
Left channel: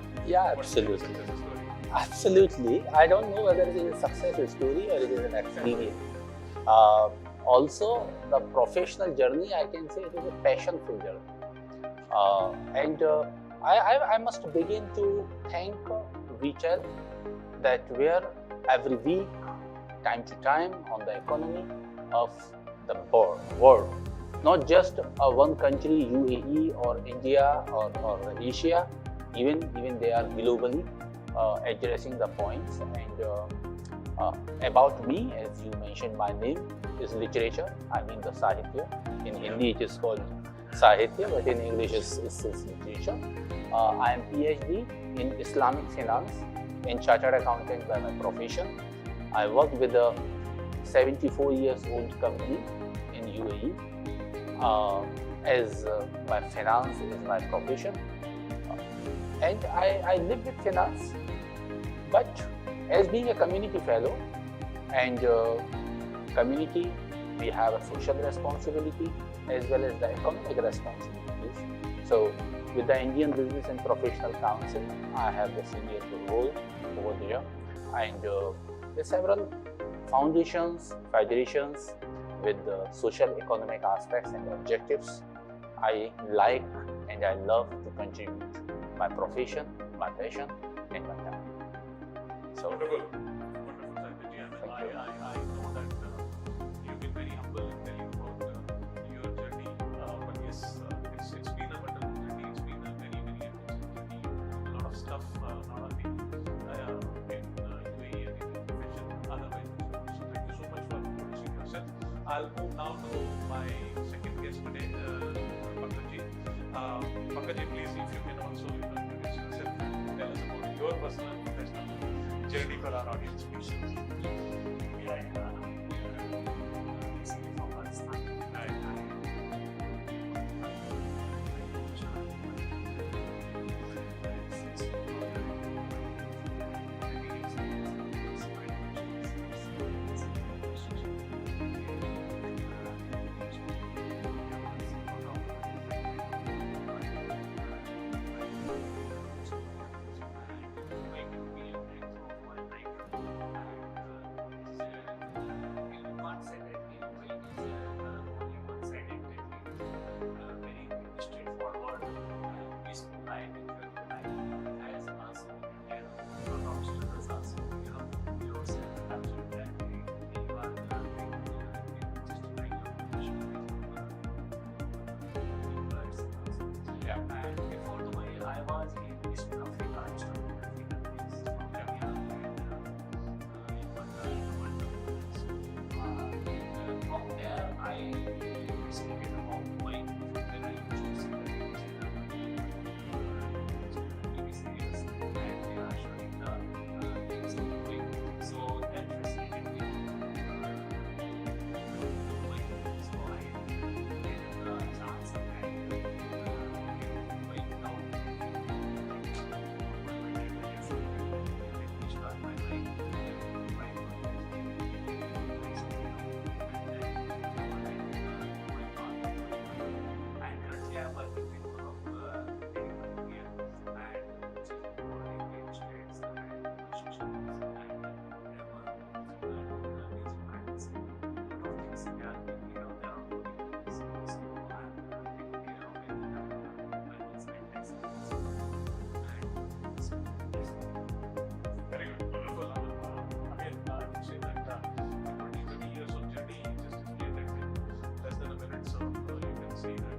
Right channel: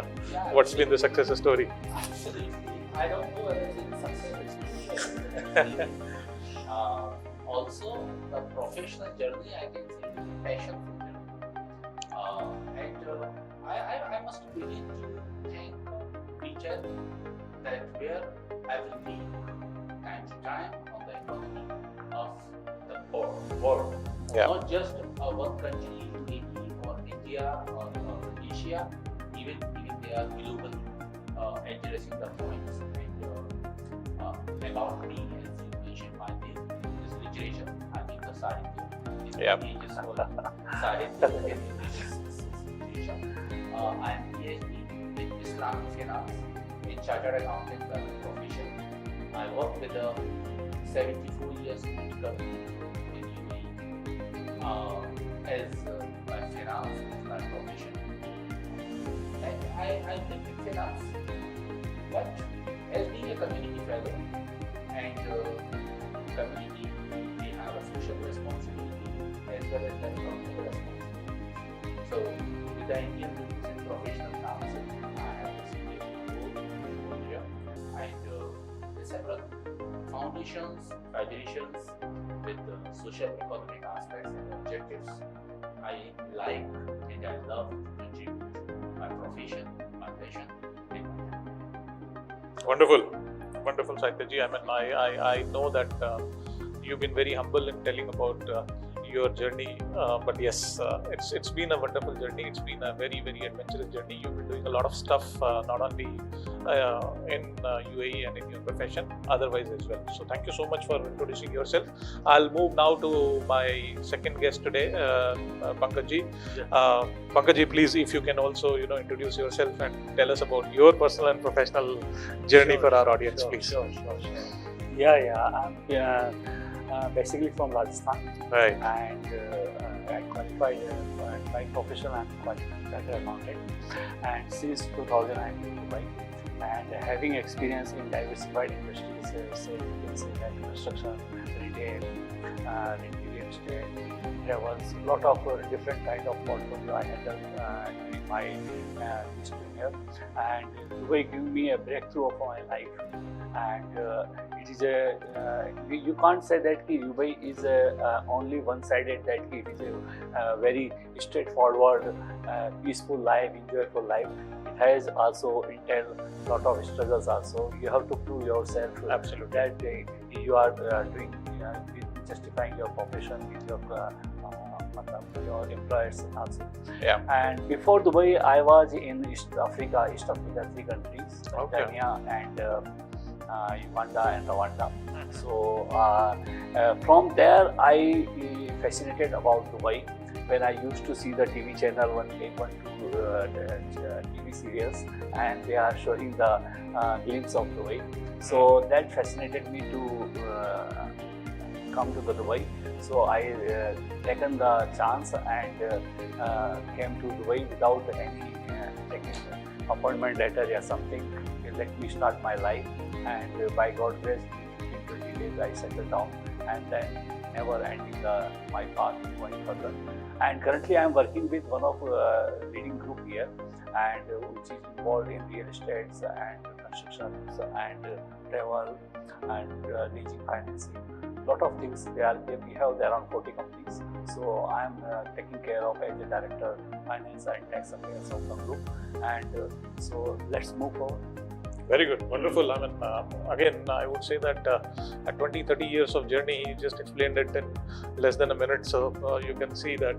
what's been the success story. Absolutely. I don't know whether it is a success story or it is an experience. Also, the professional journey, I can say it is a passionful journey. I must begin to thank WeChat, that where every week, time to time, on the economy of the world, not just one country, UAE or India or Asia, even they are globally addressing the points. And about me, as you mentioned, my name is literature. I mean the Sahitya. In Hindi it is called Sahitya, but in English it's literature. I am PhD in Islamic finance, in chartered accountant by my profession. I work with a 74 years old company in UAE as my finance is my profession, and I live with finance. But as being a community fellow and community, we have a social responsibility as well as the economic responsibilities. So with the Indian Business and Professional Council, I have the senior role over there, and there are several foundations, federations with social economic aspects and objectives. I like and I love to contribute my profession, my passion, and my time. So, Wonderful, Sahityaji. I mean, I know that you've been very humble in telling about your journey, but yes, it's been a wonderful journey. It's been a very, very adventurous journey. You've been doing a lot of stuff, not only in UAE and in your profession, otherwise as well. So thank you so much for introducing yourself. I'll move now to my second guest today, Pankajji. Pankajji, please, if you can also introduce yourself and tell us about your personal and professional journey for our audience, please. Sure. I'm basically from Rajasthan, Right. and I qualified by profession. I'm qualified accountant, and since 2000 I'm in Dubai, and having experience in diversified industries, like construction, retail, real estate. There was a lot of different kind of portfolio I have done in my history here, and Dubai gave me a breakthrough of my life. And it is you can't say that Dubai is only one-sided, that it is a very straightforward, peaceful life, enjoyable life. It has also entailed a lot of struggles also. You have to prove yourself. Absolutely. That you are doing, justifying your profession with your employers also. Yeah. And before Dubai, I was in East Africa 3 countries, Okay. Tanzania and Uganda and Rwanda. So from there, I fascinated about Dubai when I used to see the TV channel, one TV serials, and they are showing the glimpse of Dubai. So that fascinated me to come to the Dubai. So I taken the chance and came to Dubai without any taking appointment letter or something. Let me start my life, and by God's grace, in 20 days I settled down, and then never ending my path going further. And currently I am working with one of leading group here, and which is involved in real estates and constructions and travel and leasing financing. Lot of things. We have around 40 companies. So I am taking care of as the director, finance and tax affairs of the group. And so let's move forward. Very good, wonderful. I mean, again, I would say that at 20-30 years of journey, he just explained it in less than a minute. So you can see that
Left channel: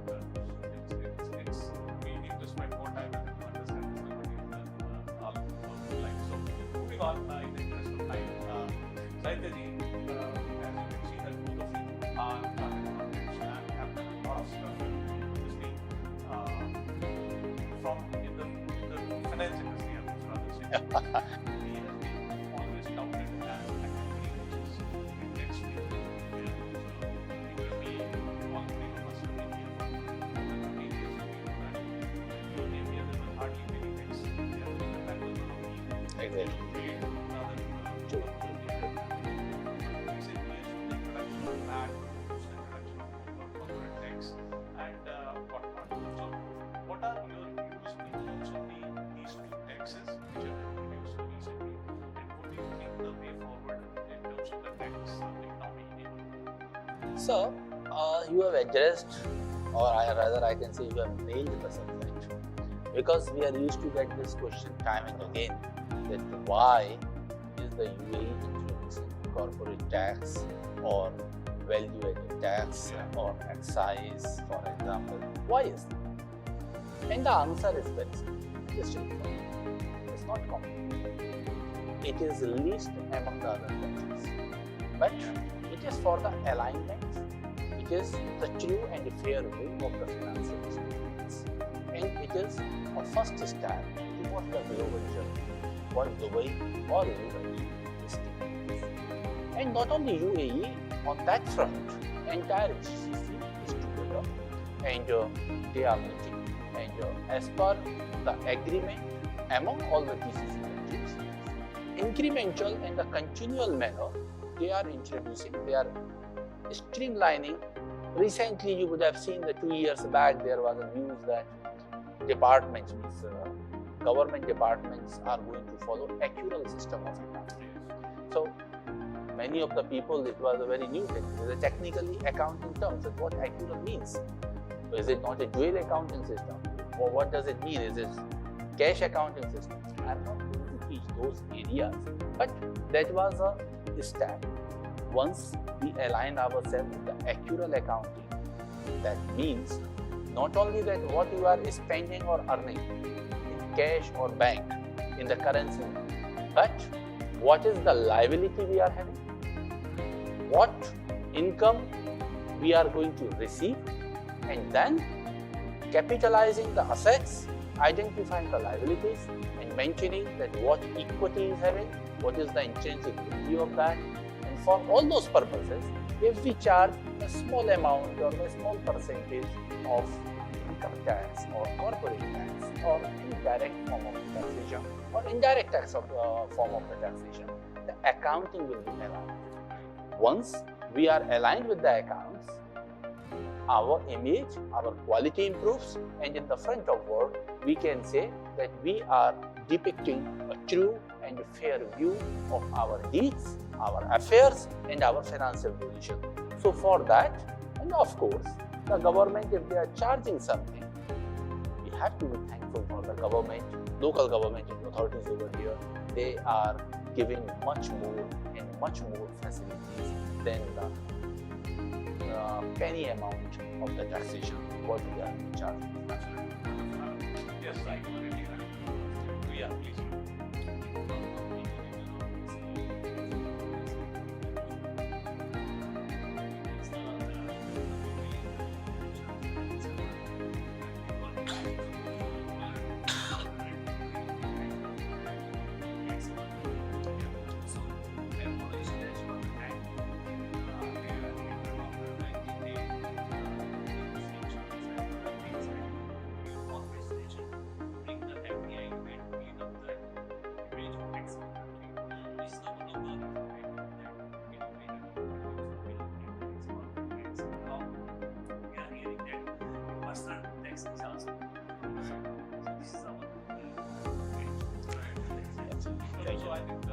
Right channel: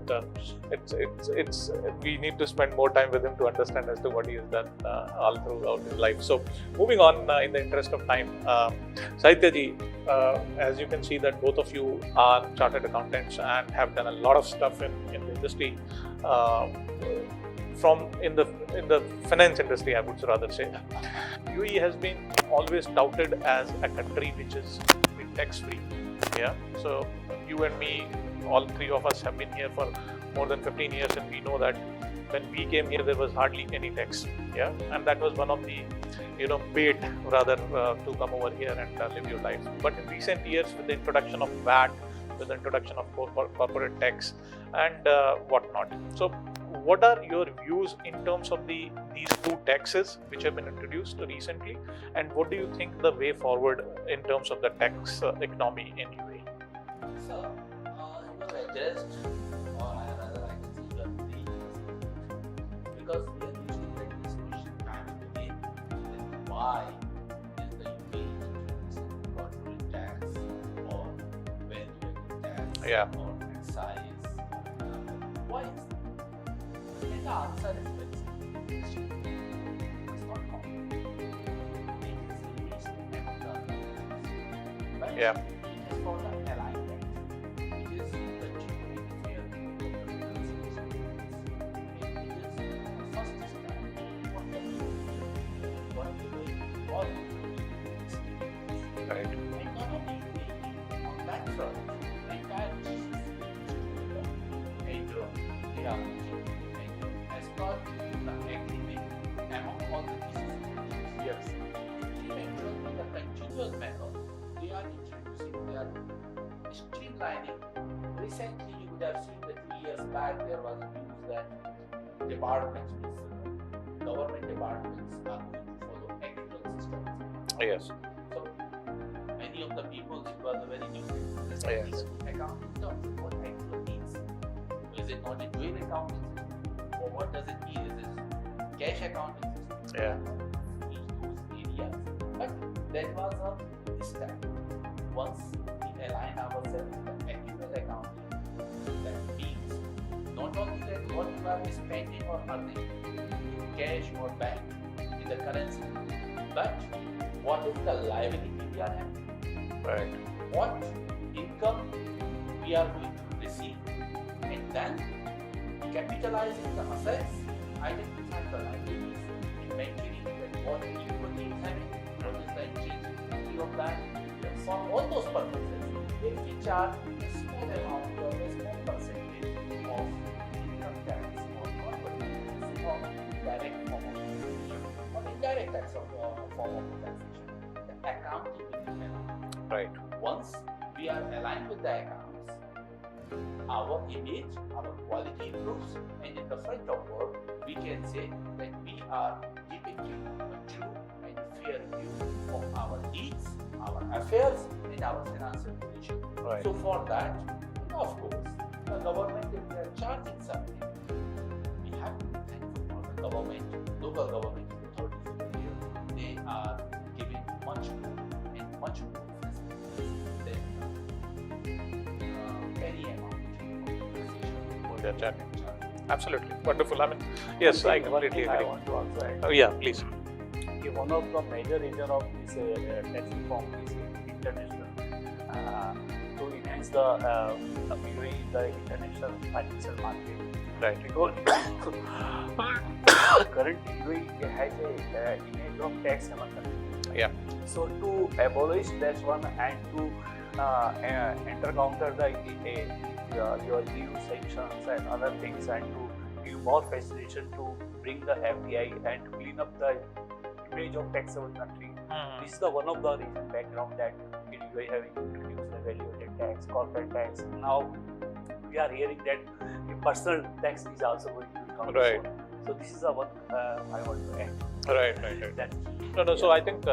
it's we need to spend more time with him to understand as to what he has done all throughout his life. So moving on, in the interest of time, Sahityaji, as you can see that both of you are chartered accountants and have done a lot of stuff in the industry. From in the finance industry, I would rather say. UAE has been always touted as a country which is tax-free. Yeah. So you and me, all three of us have been here for more than 15 years, and we know that when we came here, there was hardly any tax. Yeah, and that was one of the bait rather to come over here and live your life. But in recent years, with the introduction of VAT, with the introduction of corporate tax and whatnot. So, what are your views in terms of these two taxes which have been introduced recently, and what do you think the way forward in terms of the tax economy in UAE? So, you have addressed, or I can say you have nailed the subject, because we are used to get this question time and again, that why is the UAE introducing corporate tax or value-added tax or excise, for example? Why is that? And the answer is very simple. It's not complicated. It is least among the other countries, but it is for the alignment. It is the true and fair view of the financial statements, and it is a first step towards the global journey, what Dubai all over is. Right. And not only UAE, on that front, entire GCC is together, and they are meeting. And as per the agreement among all the GCC countries, yes, incremental and the continual manner they are introducing, they are streamlining. Recently, you would have seen that 2 years back there was a news that departments, government departments are going to follow accrual system of accounting. Yes. So many of the people, it was a very new thing. It was technically accounting terms. And what accrual means? Is it not a dual accounting system? Or what does it mean? Is it cash accounting system? Yeah. I'm not going to teach those areas. But that was a step. Once we align ourselves with the accrual accounting, that means not only that what you are spending or earning in cash or bank in the currency, but what is the liability we are having, Right. what income we are going to receive, and then capitalizing the assets, identifying the liabilities, and maintaining that what equity is having, what is the intrinsic value of that. And for all those purposes, if we charge a small amount or a small percentage of income tax or corporate tax or indirect form of the taxation or indirect tax of form of the taxation, the accounting will be aligned. Right. Once we are aligned with the accounts, our image, our quality improves, and in the front of world, we can say that we are depicting a true and fair view of our deeds, our affairs, and our financial position. Right. So for that, and of course, the government, if they are charging something, we have to be thankful for the government, local government authorities over here. They are giving much more and much more facilities than the penny amount of the taxation what they are charging. Absolutely. Wonderful. I mean, yes, I completely I agree. want to also add. Oh, yeah, please. One of the major reason of this tax reform is international to enhance the UAE in the international financial market. Right. Because currently UAE has a image of tax haven. Yeah. So to abolish that one and to counter your new sanctions and other things, and to give more facilitation to bring the FDI and to clean up the image of tax haven country. This is the one of the reason background that we having introduced the value-added tax, corporate tax. Now we are hearing that the personal tax is also going to come. Right. So this is the one I want to add. Right. No. So I think we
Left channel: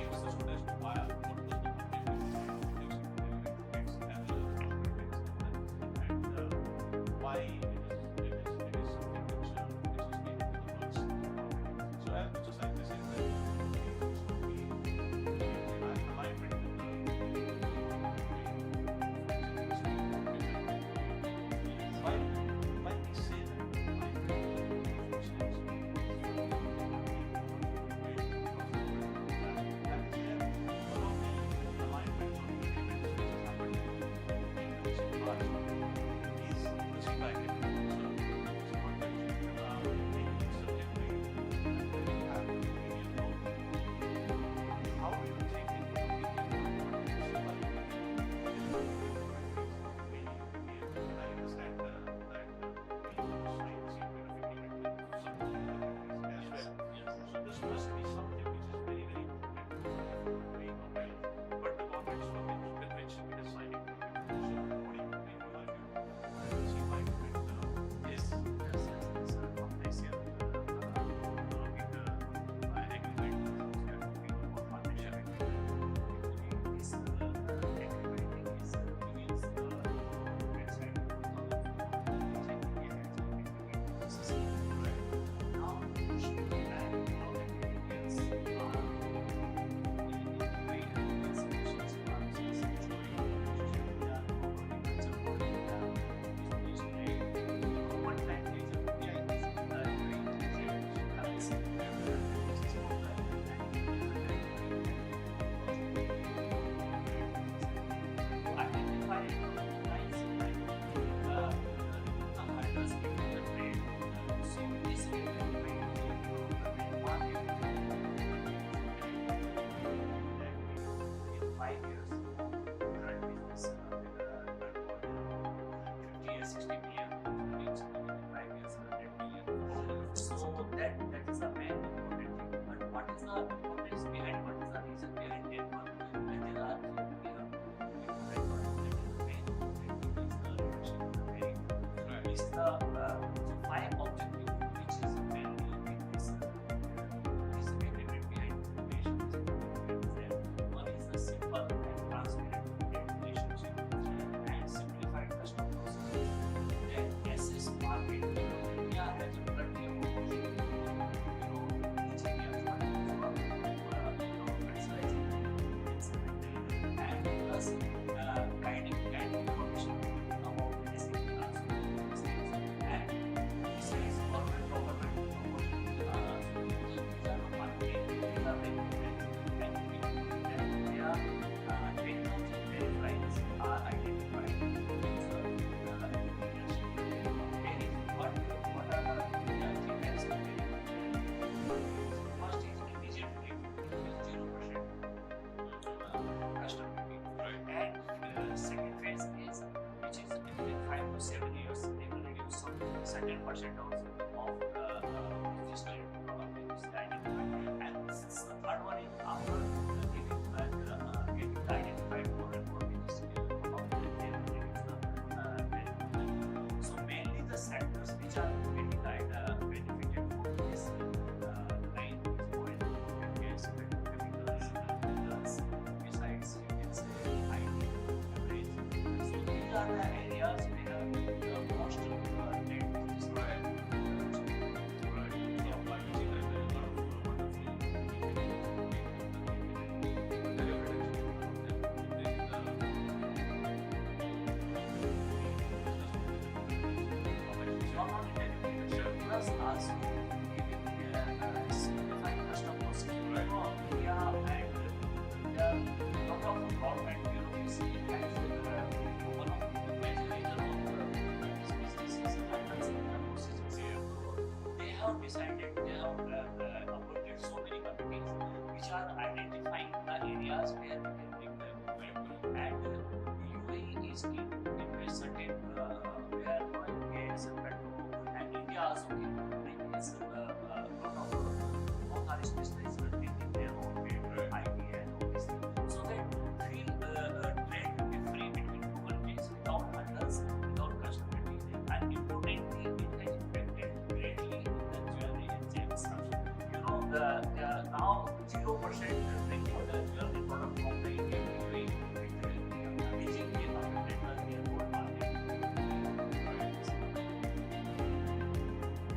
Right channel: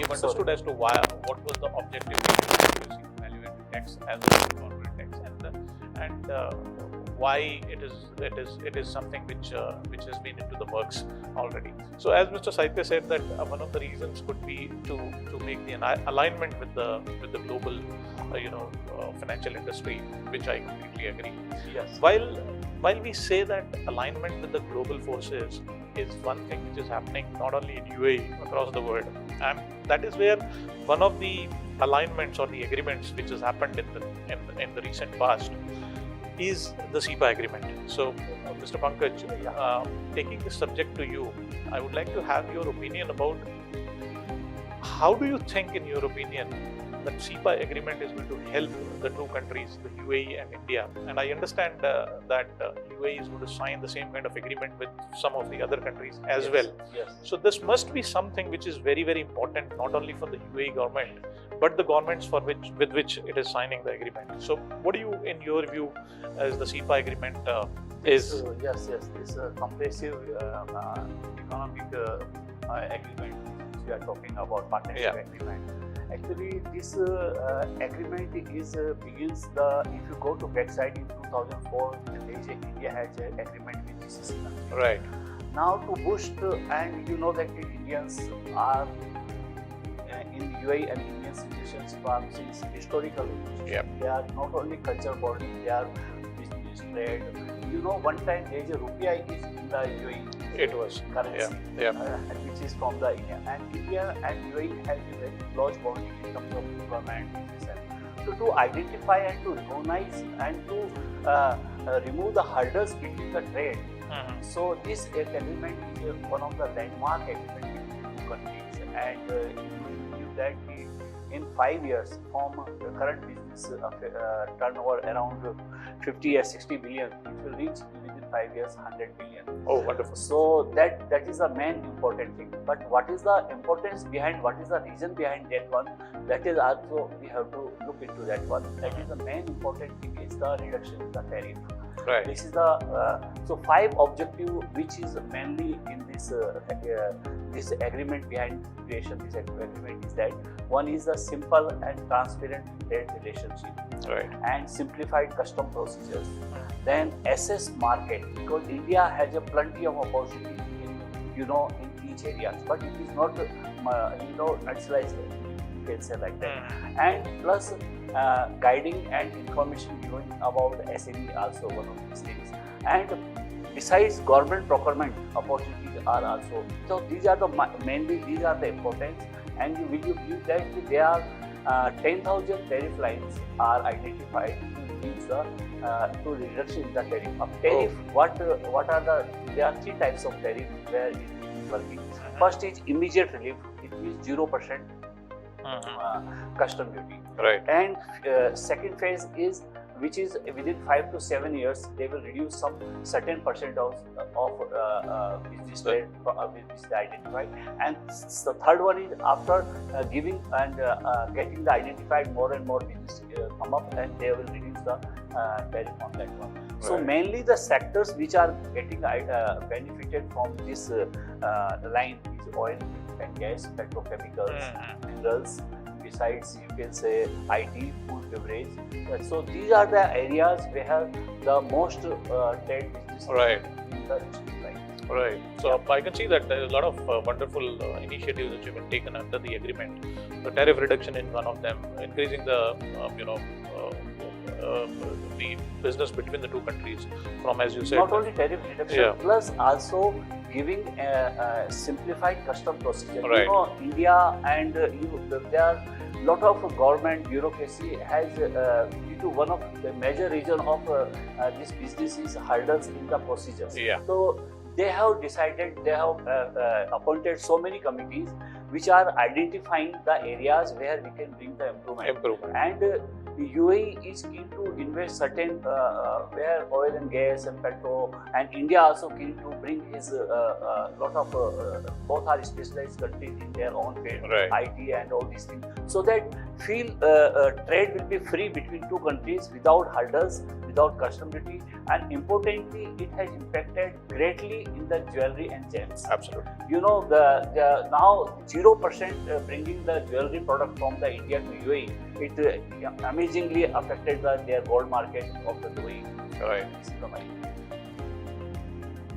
have understood as to what was the objective of using value-added tax as well as corporate tax, and why it is something which has been into the works already. So as Mr. Saitya said, that one of the reasons could be to make the alignment with the global financial industry, which I completely agree. Yes. While we say that alignment with the global forces is one thing which is happening not only in UAE, across the world, and that is where one of the alignments or the agreements which has happened in the recent past is the SEPA agreement. So, Mr. Pankaj, taking this subject to you, I would like to have your opinion about how do you think, in your opinion, that CEPA agreement is going to help the two countries, the UAE and India? And I understand that UAE is going to sign the same kind of agreement with some of the other countries as Yes, well. Yes. So this must be something which is very, very important, not only for the UAE government, but the governments with which it is signing the agreement. So what do you, in your view, as the CEPA agreement is? Yes, this comprehensive economic agreement which we are talking about, partnership Yeah. agreement. Actually, this agreement is begins if you go to website in 2004, India has an agreement with GCC country. Right. Now to boost, and you know that the Indians are in UAE and Indian citizens from since historical. Yep. They are not only culture body, they are business trade. You know, one time there is a rupiah is in the UAE. It was. Currency. Yeah. Which is from the India. And India and UAE has a very close bond in terms of government. So to identify and to recognize and to remove the hurdles between the trade. Mhm. So this agreement is one of the landmark agreements in two countries, and that in 5 years from the current business turnover around 50 or 60 billion, it will reach within 5 years 100 billion. Oh, wonderful. So that is the main important thing. But what is the importance behind? What is the reason behind that one? That is also we have to look into that one. That is the main important thing is the reduction in the tariff. Right. This is the so 5 objective which is mainly in this this agreement behind creation this agreement is that one is the simple and transparent trade relationship Right. and simplified custom procedures. Then assess market, because India has a plenty of opportunity in each area, but it is not nationalized, you can say like that. Mhm. And plus guiding and information given about the SME also one of these things. And besides government procurement opportunities are also, so these are the mainly these are the importance. And will you believe that there are 10,000 tariff lines are identified to reduction in the tariff. Tariff, what are there are 3 types of tariff where it is working. First is immediate relief, it means 0% Mhm. custom duty. Right. And second phase is which is within 5 to 7 years they will reduce some certain percent of business rate which is identified. And the third one is after giving and getting the identified more and more business come up, and they will reduce the tariff on that one. So Right. mainly the sectors which are getting benefited from this line is oil and gas, petrochemicals, Mhm. minerals. Besides, you can say IT, food, beverage. So these are the areas where the most trade business. Right. Right. Right. So I can see that there is a lot of wonderful initiatives which have been taken under the agreement. The tariff reduction in one of them, increasing the the business between the two countries from, as you said. Not only tariff reduction, Yeah. plus also giving a simplified custom procedure. Right. You know, India and there are lot of government bureaucracy has due to one of the major reason of this business is hurdles in the procedures. Yeah. So they have decided, they have appointed so many committees which are identifying the areas where we can bring the improvement. Improvement. And UAE is keen to invest certain where oil and gas and petrol, and India also keen to bring his lot of both are specialized countries in their own way, Right. IT and all these things, so that feel trade will be free between two countries without hurdles, without custom duty, and importantly, it has impacted greatly in the jewelry and gems. Absolutely. You know, the now 0% bringing the jewelry product from the India to UAE, it amazingly affected their gold market of the UAE. Right.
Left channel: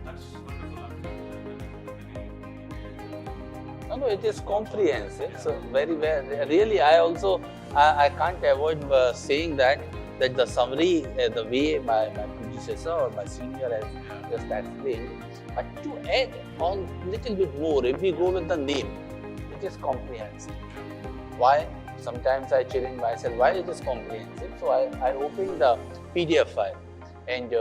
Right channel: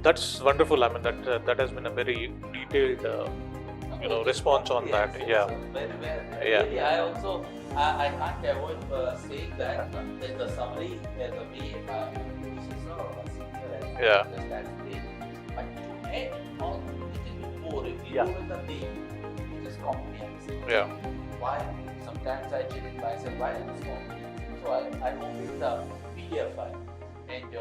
That's wonderful. I mean, that has been a very detailed It is response on that. comprehensive, Yeah. so very well. Yeah. Really, I also I can't avoid saying that the summary, the way my predecessor or my senior has Yeah. just explained. But to add on little bit more, if we go with the name, it is comprehensive. Yeah. Why? Sometimes I challenge myself, why it is comprehensive? So I opened the PDF file, and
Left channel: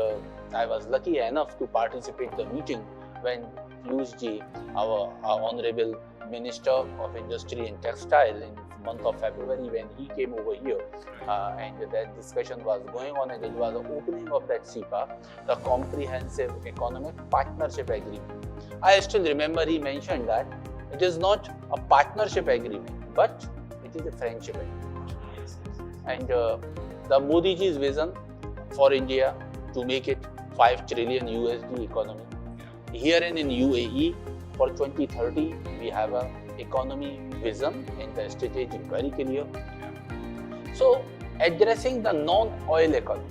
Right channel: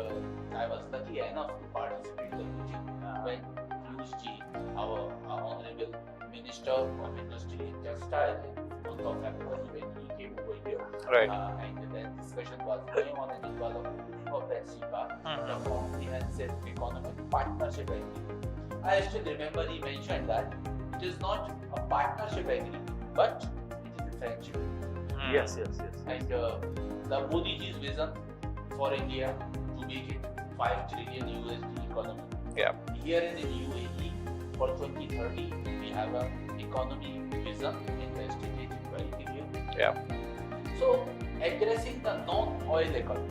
I was lucky enough to participate in the meeting when Piyush ji, our honorable Minister of Industry and Textile in the month of February when he came over here. Right. And that discussion was going on, and it was the opening of that CEPA, the Comprehensive Economic Partnership Agreement. I still remember he mentioned that it is not a partnership agreement, but it is a friendship agreement. Yes. And the Modi ji's vision for India to make it 5 trillion USD economy. Yeah. Here in UAE for 2030 we have a economy vision and the strategy very clear. Yeah. So addressing the non-oil economy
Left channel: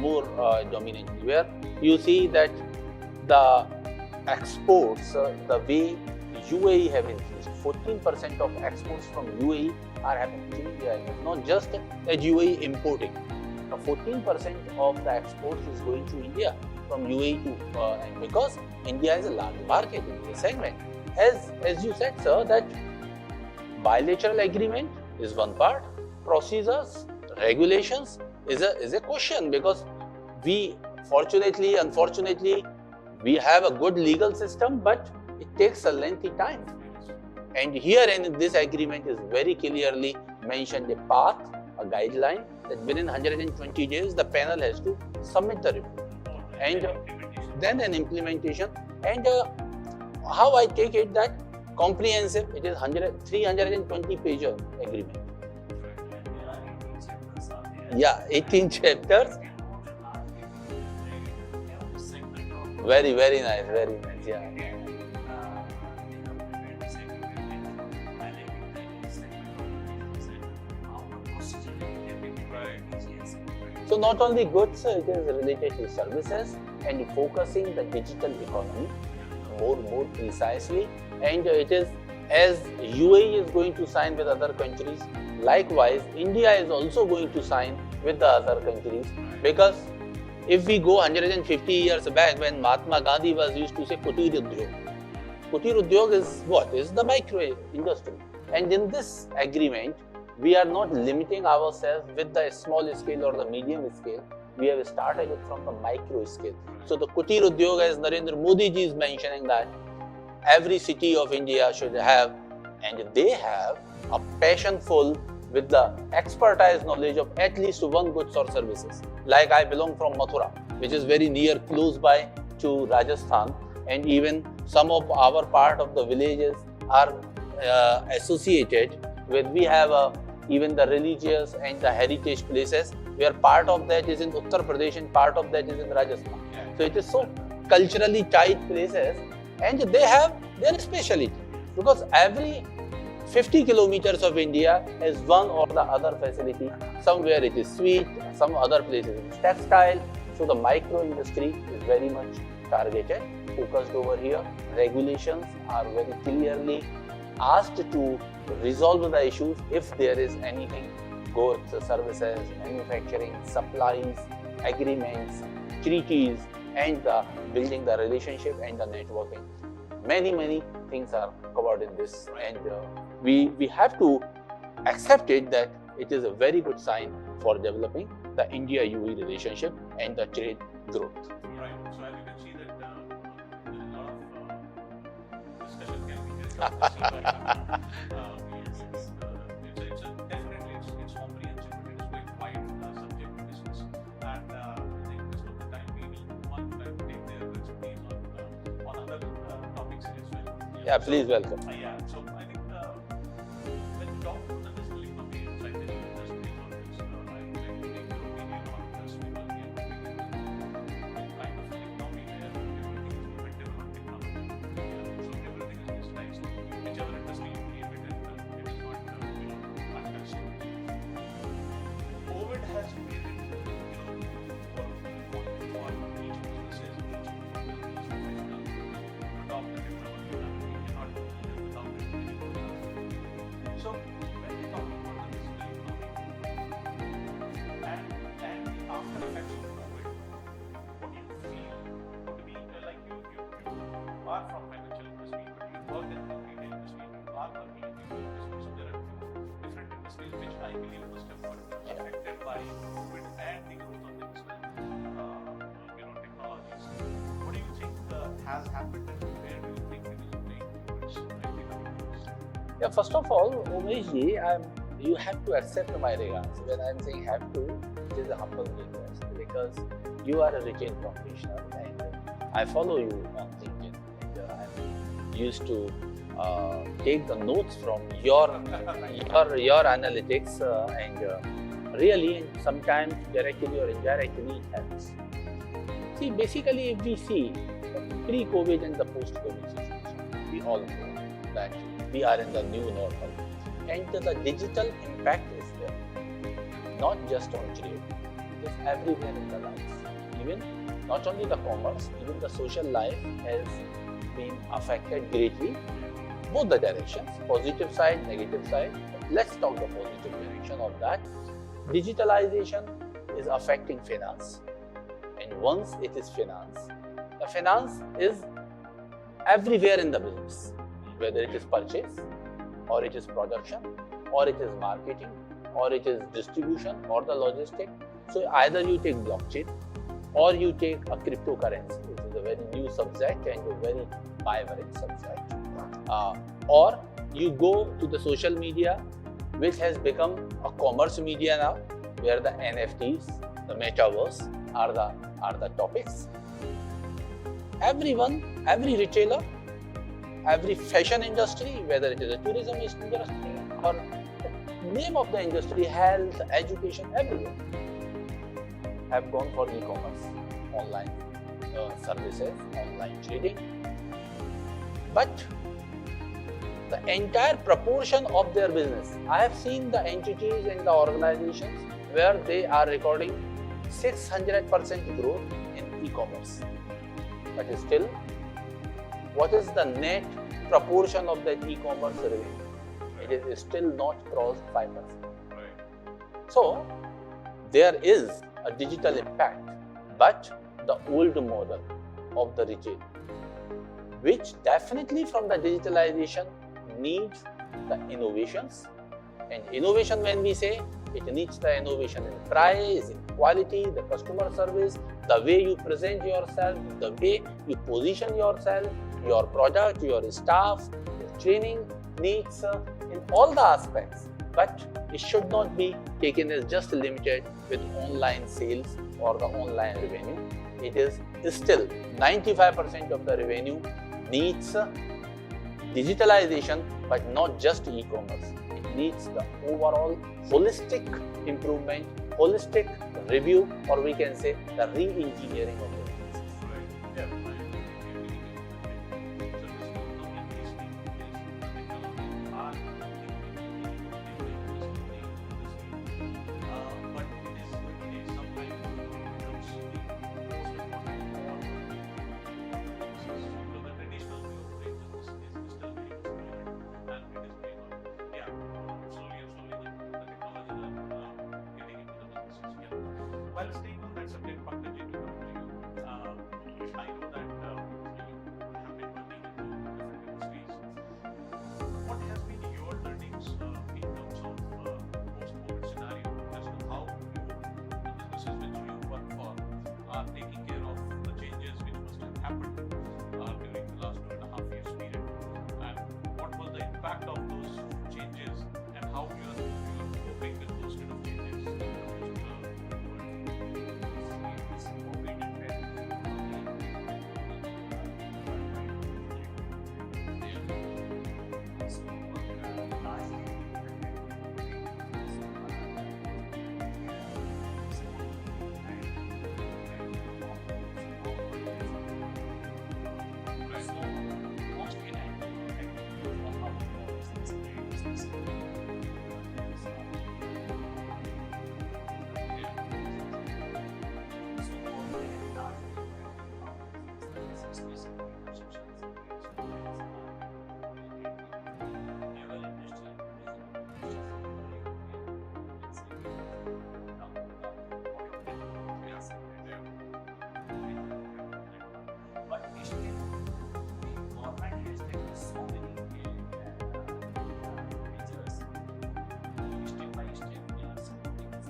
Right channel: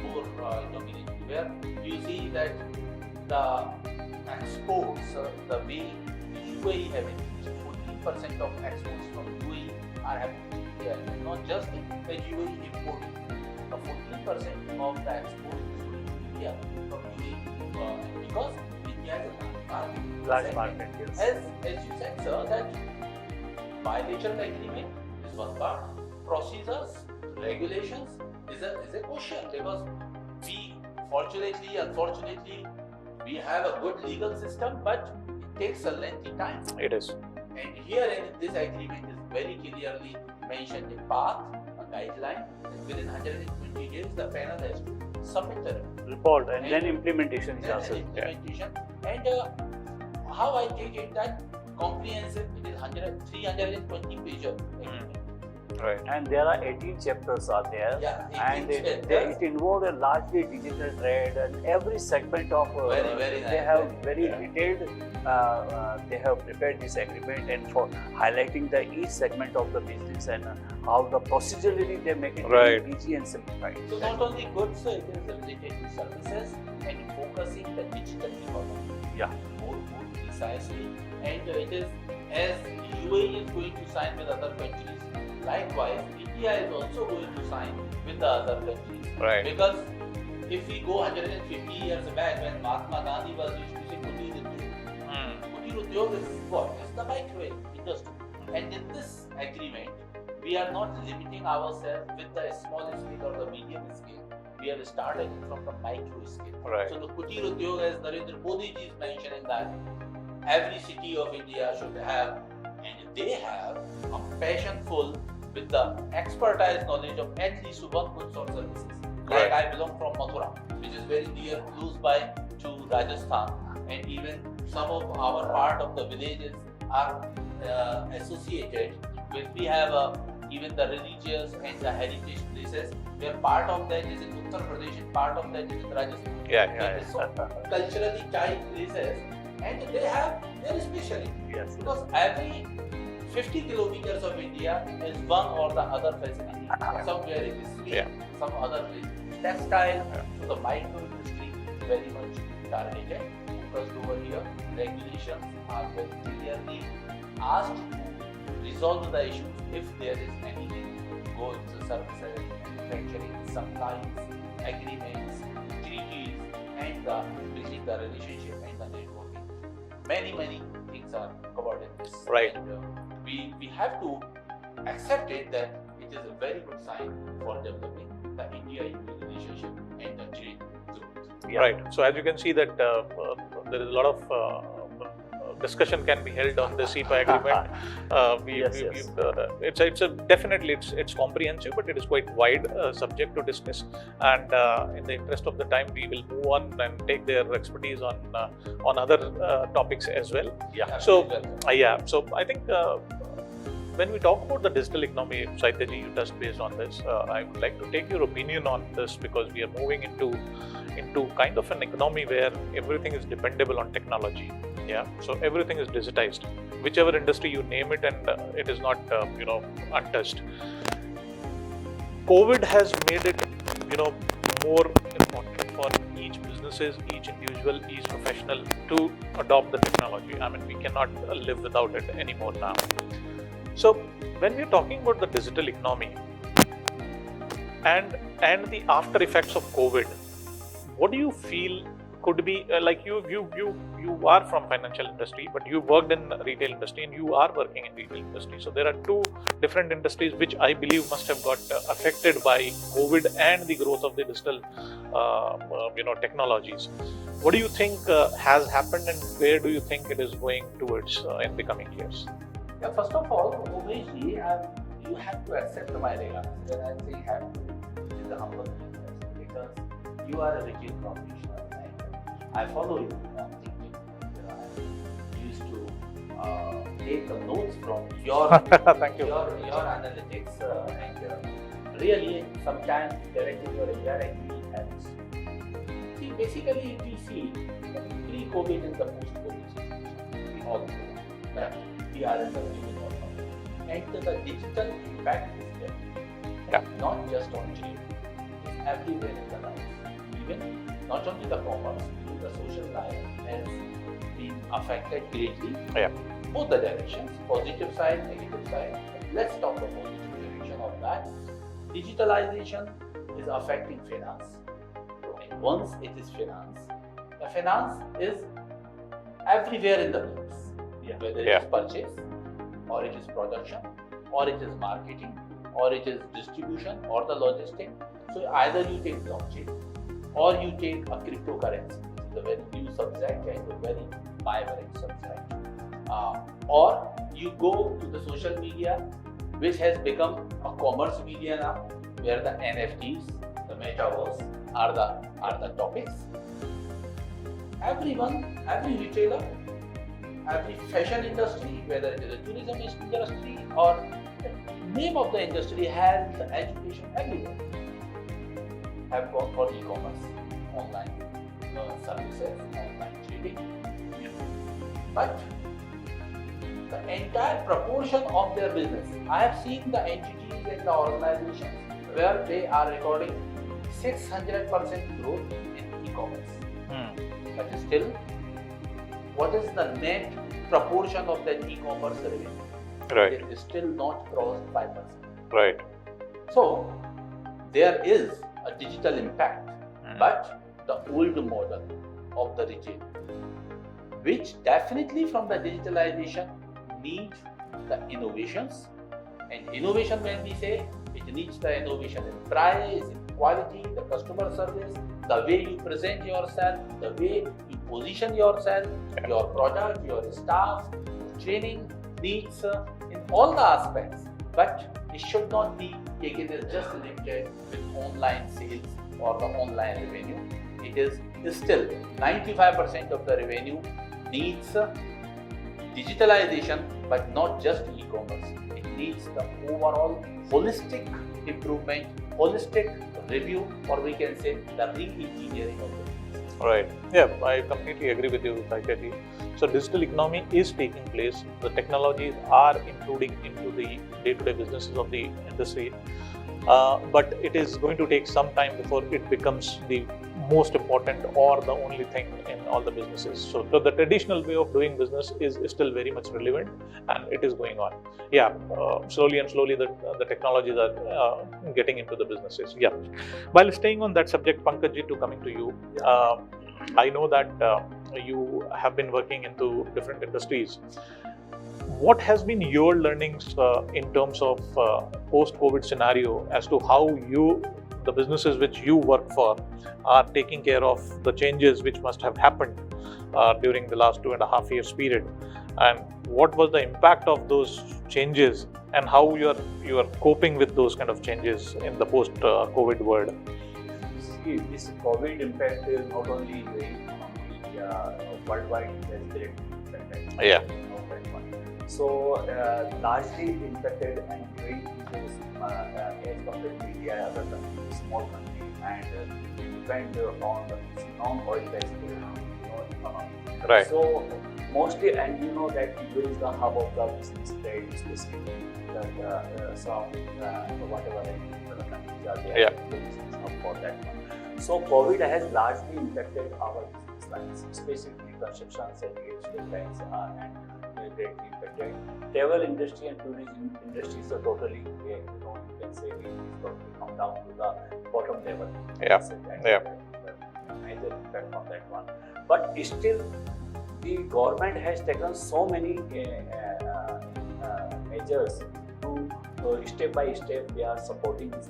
more dominantly, where you see that the exports, the way UAE have increased, 14% of exports from UAE are happening to India. Not just that UAE importing, the 14% of the exports is going to India from UAE to because India is a large market. As you said, sir, that bilateral agreement is one part, procedures, regulations is a question, because we unfortunately we have a good legal system, but it takes a lengthy time. It is. And here in this agreement is very clearly mentioned a path, a guideline, that within 120 days the panel has to submit the report. And then implementation. Then an implementation. And how I take it that comprehensive, it is 320 page agreement. Right. And there are 18 chapters are there. Yeah, 18 And chapters. It involves a largely digital trade and every segment of. Very nice. They have very yeah. detailed. They have prepared this agreement and for highlighting the each segment of the business and how the procedurally they make it Right. very easy and simplified. So not only goods, it is related to services and focusing the digital economy more precisely. And it is, as UAE is going to sign with other countries, likewise India is also going to sign with the other countries. Right. Because if we go 150 years back, when Mahatma Gandhi was used to say Kutir Udyog. Kutir Udyog is what? Is the micro industry. And in this agreement, we are not limiting ourselves with the small scale or the medium scale. We have started it from the micro scale. Right. So the Kutir Udyog, as Narendra Modi ji is mentioning, that every city of India should have, and they have, a passion full with the expertise knowledge of at least one goods or services. Like I belong from Mathura, which is very near, close by to Rajasthan, and even some of our part of the villages are associated with, we have even the religious and the heritage places, where part of that is in Uttar Pradesh and part of that is in Rajasthan. So it is so culturally tight places, and they have their specialty. Yes. Because every 50 kilometers of India has one or the other facility. Somewhere it is sweet, some other places it is textile. So the micro industry is very much targeted, focused over here. Regulations are very clearly asked to resolve the issues if there is anything, goods, services, manufacturing, supplies, agreements, treaties, and building the relationship and the networking. Many things are covered in this. Right. And we have to accept it that it is a very good sign for developing the India-UAE relationship and the trade growth. Right. So as you can see that there is a lot of discussion can be held on the CEPA agreement. It's definitely comprehensive, but it is quite wide subject to discuss. And in the interest of the time, we will move on and take their expertise on other topics as well. Yeah, So, please welcome. So I think when we talk about the digital economy, Saityaji, you touched base on this. I would like to take your opinion on this, because we are moving into kind of an economy where everything is dependable on technology. Yeah, so everything is digitized. Whichever industry you name it, and it is not untouched. COVID has made it more important for each businesses, each individual, each professional to adopt the technology. I mean, we cannot live without it anymore now. So when we're talking about the digital economy and the after effects of COVID, what do you feel could be like you are from financial industry, but you worked in retail industry and you are working in retail industry. So there are two different industries which I believe must have got affected by COVID and the growth of the digital technologies. what do you think has happened, and where do you think it is going towards in the coming years? Yeah, first of all, Umesh ji, you have to accept my regards. When I'm saying have to, it is a humble request because you are a retail professional and I follow you on LinkedIn. And I used to take the notes from your Thank you. your analytics and really sometimes directly or indirectly it helps. See, basically, if we see the pre-COVID and the post-COVID situation, we all know that we are in the new normal, and the digital impact is there. Yeah. Not just on trade, it is everywhere in the life. Even not only the commerce, even the social life has been affected greatly. Yeah. Both the directions, positive side, negative side. Let's talk the positive direction of that. Digitalization is affecting finance. And once it is finance, the finance is everywhere in the business. Whether it is purchase, or it is production, or it is marketing, or it is distribution, or the logistic. So either you take blockchain, or you take a cryptocurrency, which is a very new subject and a very vibrant subject. Or you go to the social media, which has become a commerce media now, where the NFTs, the metaverse are the topics. Everyone, every retailer, every fashion industry, whether it is a tourism industry or name of the industry, health, education, everywhere have gone for e-commerce, online services, online trading. But the entire proportion of their business, I have seen the entities and the organizations where they are recording 600% growth in e-commerce. But still, what is the net proportion of that e-commerce revenue? Right. It is still not crossed 5%. Right. So, there is a digital impact, but the old model of the retail, which definitely from the digitalization needs the innovations. And innovation, when we say, it needs the innovation in price, in quality, the customer service, the way you present yourself, the way you position yourself, your product, your staff, training needs in all the aspects. But it should not be taken as just limited with online sales or the online revenue. It is still 95% of the revenue needs digitalization, but not just e-commerce. It needs the overall holistic improvement, holistic review, or we can say the re-engineering of the business. Right. Yeah, I completely agree with you, Saikeeti. So digital economy is taking place. The technologies are including into the day-to-day businesses of the industry, but it is going to take some time before it becomes the most important or the only thing in all the businesses. So the traditional way of doing business is still very much relevant, and it is going on. Yeah, slowly and slowly the technologies are getting into the businesses. Yeah. While staying on that subject, Pankaj, to coming to you, I know that you have been working into different industries. What has been your learnings in terms of post-COVID scenario as to how the businesses which you work for are taking care of the changes which must have happened during the last 2.5 years period, and what was the impact of those changes, and how you are coping with those kind of changes in the post-COVID world? See, this COVID impact is not only the worldwide, it has direct impact. Yeah. So largely impacted and very as compared to India, other countries, small country, and depend on the non-oil based economy. Right. So mostly, and you know that India is the hub of the business trade, especially that some whatever the countries are there. Yeah. For that. So COVID has largely impacted our business lines, especially construction, services, defense, and greatly impacted. Travel industry and tourism industry is totally, you can say, it is going to come down to the bottom level. Yeah. Yeah. Major impact on that one. But still, the government has taken so many measures to step by step we are supporting this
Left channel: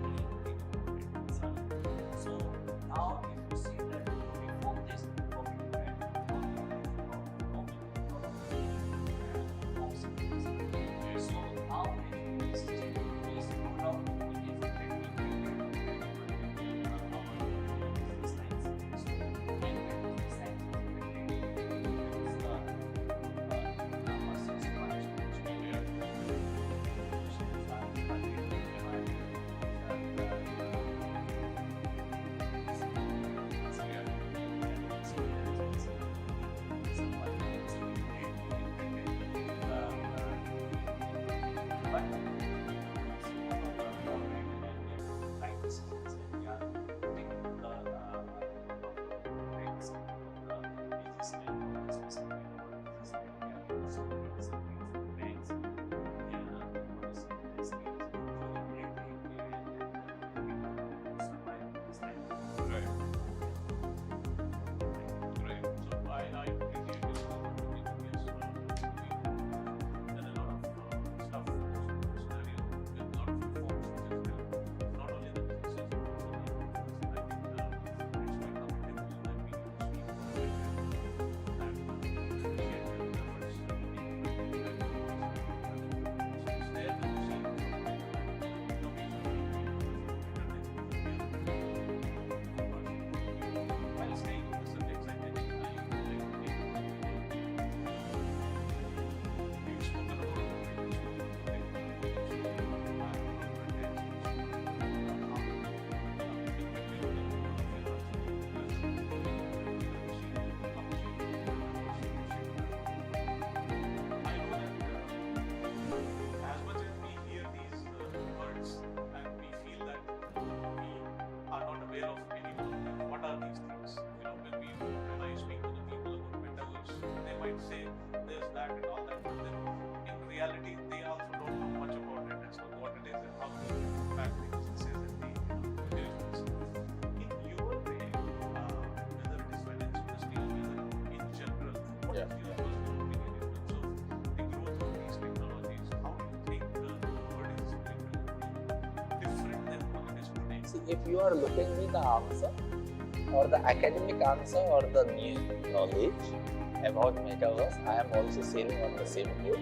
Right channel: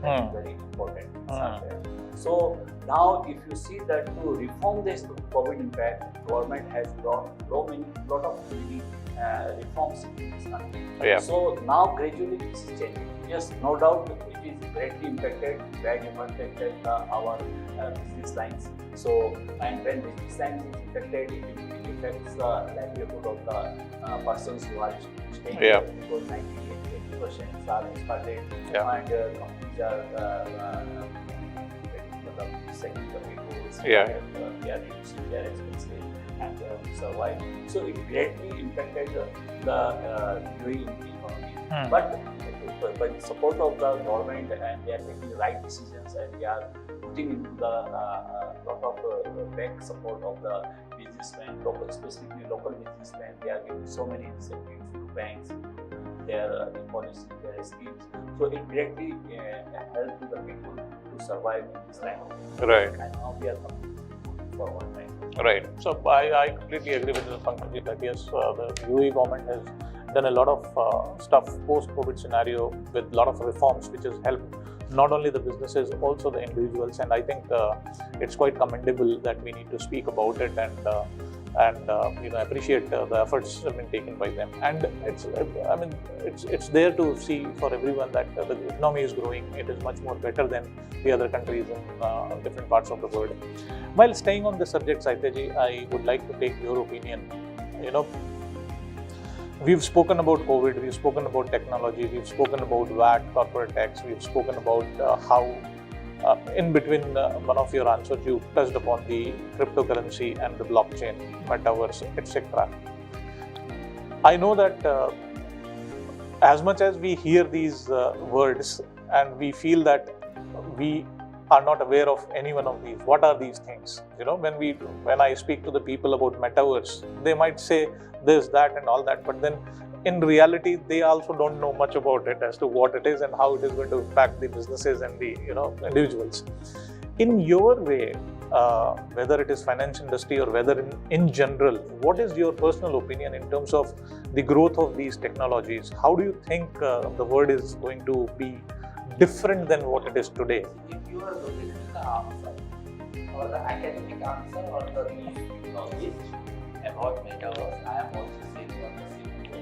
very important subject. So Now, if you see that to reform this COVID impact, government has brought lot of many reforms in this country. Yeah. So now gradually this is changing. Yes, no doubt it is greatly impacted, our business lines. So, and when business lines is impacted, it affects the livelihood of the persons who are staying Yeah. there, because 90% are started Yeah. and companies are second Yeah. they are reducing their expenses and survive. So it greatly impacted the UAE economy. But by the support of the government, and they are taking the right decisions, and they are putting into the lot of bank support of the businessmen, specifically local businessmen. They are giving so many incentives to banks, their policy, their schemes. So it directly helps the people to survive in this time of crisis. Right. And now we are coming forward. Right? Right. So I completely agree with the Pankaj that yes, the UAE government has done a lot of stuff post-COVID scenario with a lot of reforms, which has helped not only the businesses, also the individuals. And I think it's quite commendable that we need to speak about it and appreciate the efforts have been taken by them. And it's there to see for everyone that the economy is growing. It is much more better than the other countries in different parts of the world. While staying on the subject, Saityaji, I would like to take your opinion. We've spoken about COVID, we've spoken about technology, we've spoken about VAT, corporate tax, we've spoken about how in between one of your answers you touched upon the cryptocurrency and the blockchain, metaverse, etc. I know that as much as we hear these words and we feel that we are not aware of any one of these, what are these things? When I speak to the people about metaverse, they might say this, that and all that, but then in reality they also don't know much about it as to what it is and how it is going to impact the businesses and the individuals. In your way, whether it is finance industry or whether in general, what is your personal opinion in terms of the growth of these technologies? How do you think the world is going to be different than what it is today? See, if you are looking at the answer or the academic answer or the new knowledge about metaverse, I am also sailing on the same boat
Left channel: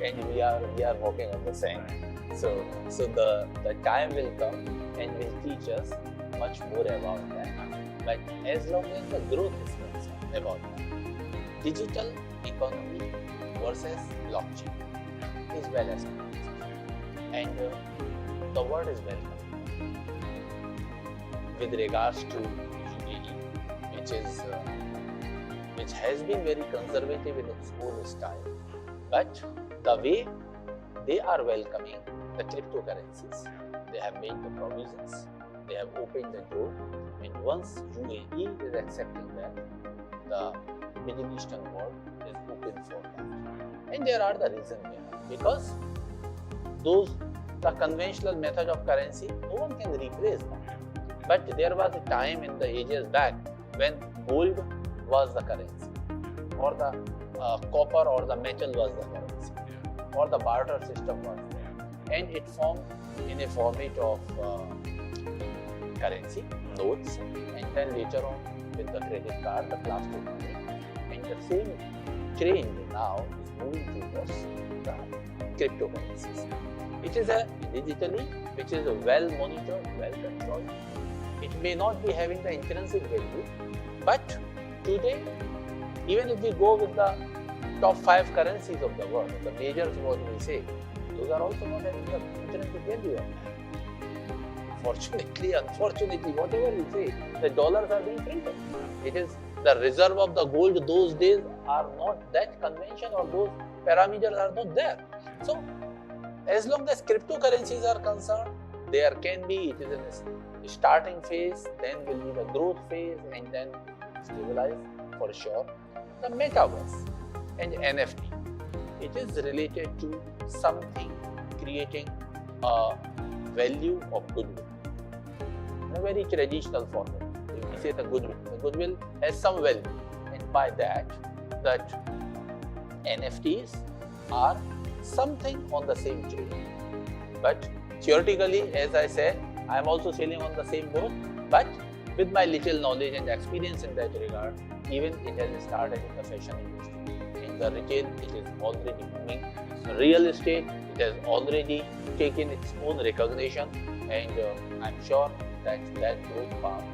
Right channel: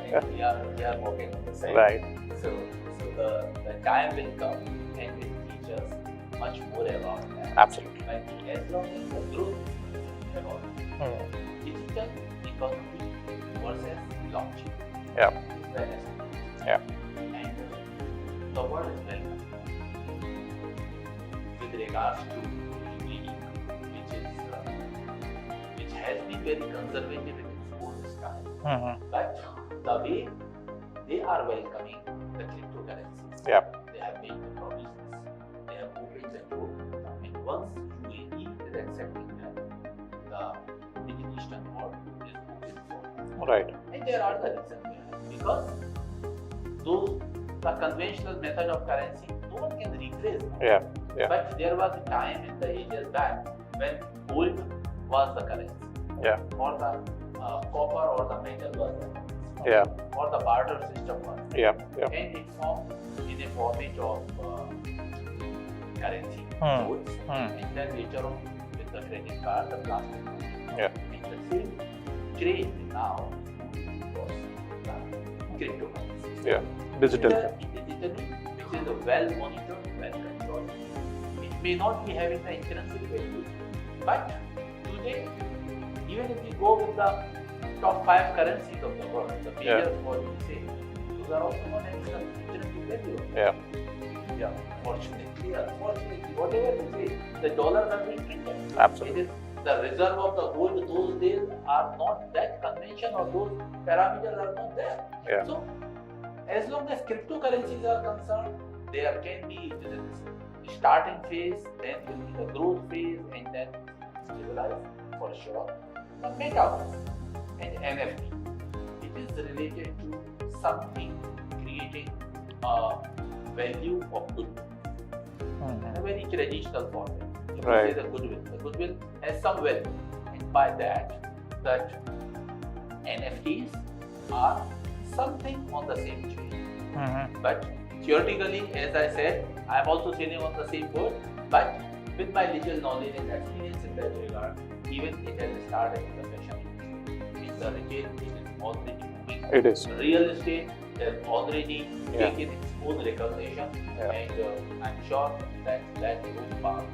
and we are working on the same. Right. So the time will come and will teach us much more about that. Absolutely. But as long as the growth is concerned about digital economy versus blockchain, Yeah. is well established. Yeah. And the word is welcome with regards to UAE, which has been very conservative in its own style. But the way they are welcoming the cryptocurrencies, Yeah. they have made the provisions, they have opened the door, and once UAE is accepting that, the Middle Eastern world is open for that. Right. And there are the reasons behind, because the conventional method of currency, no one can replace that. Yeah. Yeah. But there was a time in the ages back when gold was the currency, Yeah. or the copper or the metal was the currency, Yeah. or the barter system was, Yeah. Yeah. and it formed in a format of currency, notes, and then later on with the credit card, the plastic money. Yeah. And the same trend now is moving towards the cryptocurrencies. Yeah. Digital. Digitally, which is well monitored, well controlled. It may not be having the intrinsic value, but today, even if we go with the top 5 currencies of the world, the majors, what we say, those are also not having the intrinsic value. Yeah. Yeah. Fortunately, unfortunately, whatever you say, the dollars are being printed. Absolutely. It is the reserve of the gold those days are not that convention, or those parameters are not there. Yeah. So, as long as cryptocurrencies are concerned, there can be, it is a starting phase, then will be the growth phase, and then stabilize for sure. The metaverse and NFT, it is related to something creating a value of goodwill in a very traditional format. You can say the goodwill. The goodwill has some value, and by that NFTs are something on the same train. But theoretically, as I said, I am also sailing on the same boat. But with my little knowledge and experience in that regard, even it has started in the fashion industry. In the retail, it is already moving. It is. Real estate, it has already Yeah. taken its own recognition, Yeah. and I'm sure that growth path.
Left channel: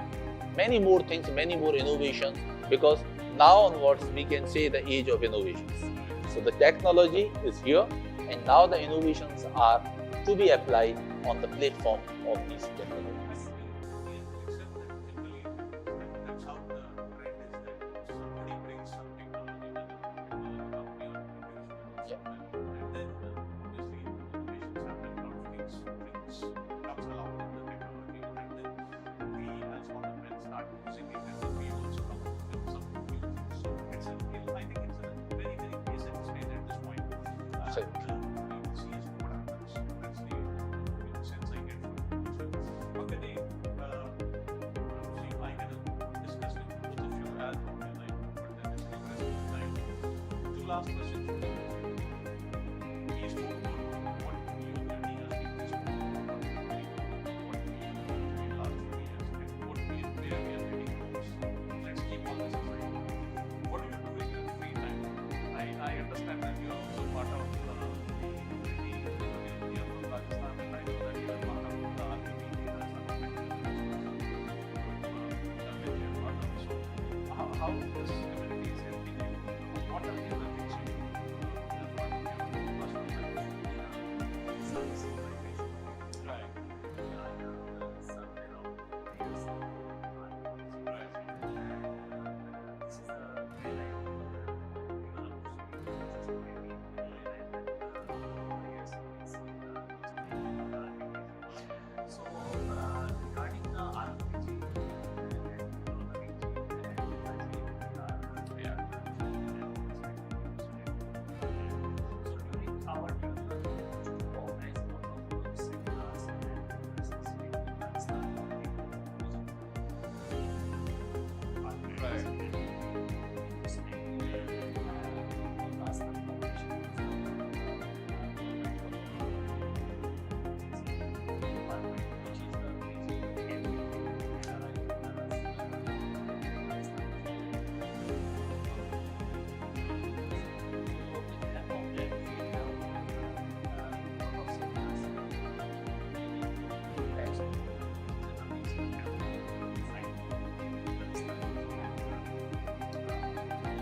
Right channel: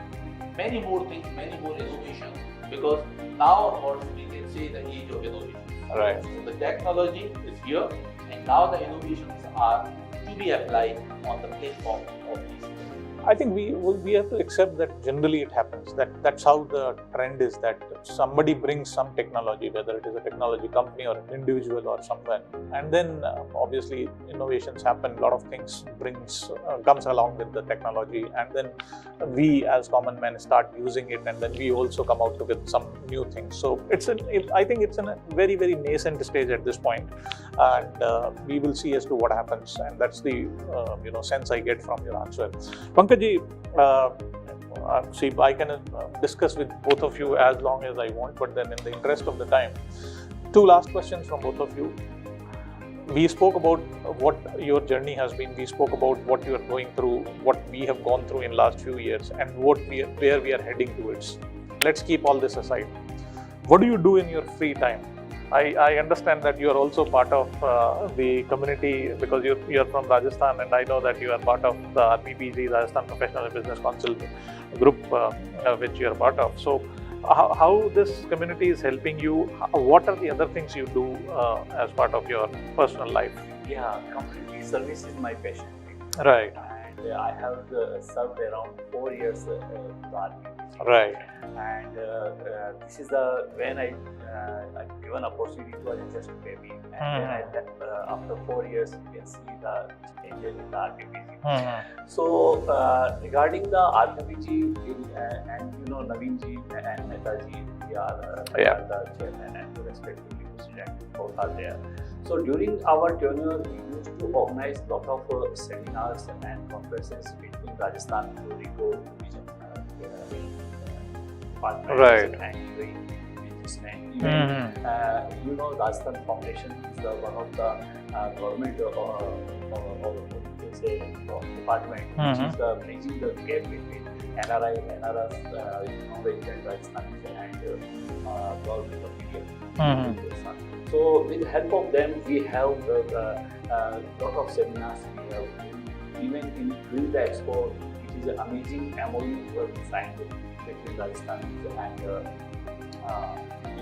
Many more things, many more innovations, because now onwards we can say the age of innovations. Right. So the technology is here, and now the innovations are to be applied on the platform of these technologies. I think we have to accept that generally it happens. That's how the trend is, that somebody brings some technology, whether it is a technology company or an individual or someone, and then obviously innovations happen. A lot of things comes along with the technology, and then we as common men start using it, and then we also come out with some new things. So I think it's in a very, very nascent stage at this point, and we will see as to what happens. And that's the sense I get from your answer. Pankaj, see, I can discuss with both of you as long as I want, but then in the interest of the time, two last questions from both of you. We spoke about what your journey has been. We spoke about what you are going through, what we have gone through in last few years, and where we are heading towards. Let's keep all this aside. What do you do in your free time? I understand that you are also part of the community, because you're from Rajasthan, and I know that you are part of the RPBG, Rajasthan Professional Business Council group, which you are part of. So how this community is helping you? What are the other things you do as part of your personal life? Yeah, community service is my passion. Right. And I have served around 4 years in the RPBG. Right. And this is when I given opportunity to just maybe, and then after 4 years you can see the changes in the RPBG. So regarding the RPBG, and Naveen ji and Mehta ji, we are the chairman and respective president, both are there. So during our tenure, we used to organize a lot of seminars and conferences between Rajasthan to Rico departments Right. and businessmen. Even, Rajasthan Foundation is one of the government department, which is the bridging the gap between NRS, President Rajasthan and government of India. So with the help of them, we have a lot of seminars. We have even during the expo, it is an amazing MOU for signed with Rajasthan and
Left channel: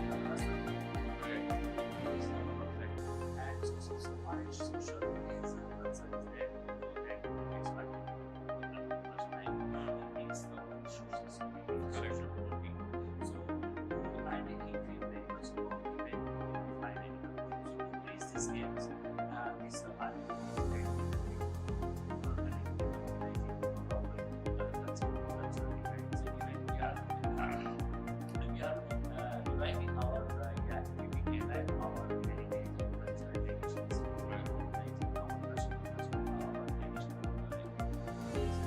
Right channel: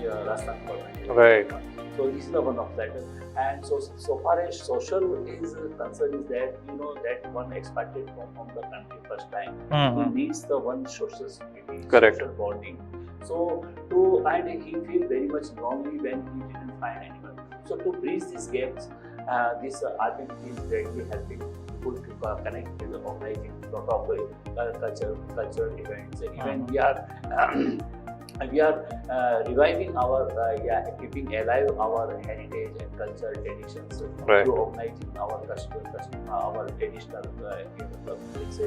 Rajasthan government. Right. So this is the one of that. And so far as social is concerned, is that that one expected from the country first time. He needs the one social security, Correct. social bonding. So and he feel very much lonely when he didn't find anyone. So to bridge these gaps, this RPBG is greatly helping good people connect with organizing a lot of cultural events. Even we are reviving our keeping alive our heritage and cultural traditions. Right. To organizing our our traditional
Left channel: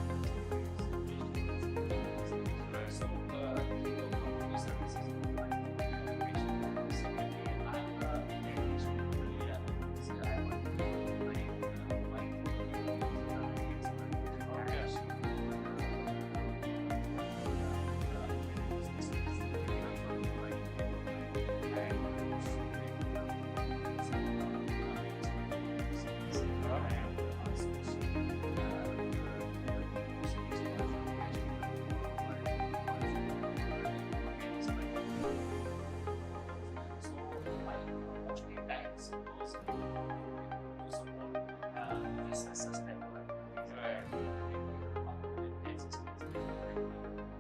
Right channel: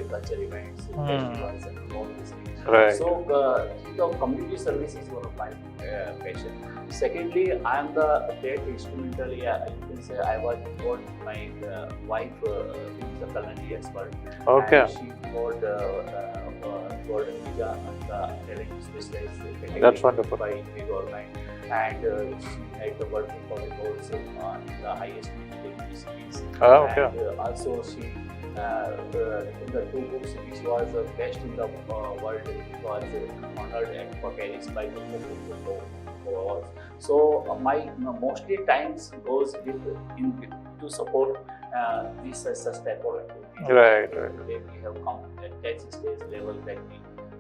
cultural events, festivals, and all these things. Right. So community service is one of my passion. Secondly, I am the great instrumental. You can say I was involved with my wife, who is a culinary expert. Okay. And she got Gordon Visa and the challenge specialist. That's wonderful. By Indian government, and she made the world record goals in the highest cities. Oh, okay. And also she in the 2 books, this was the best in the world. It was honored and Paris by the awards. So my mostly times goes to support this such type of activity. Right. Today we have come at that stage level that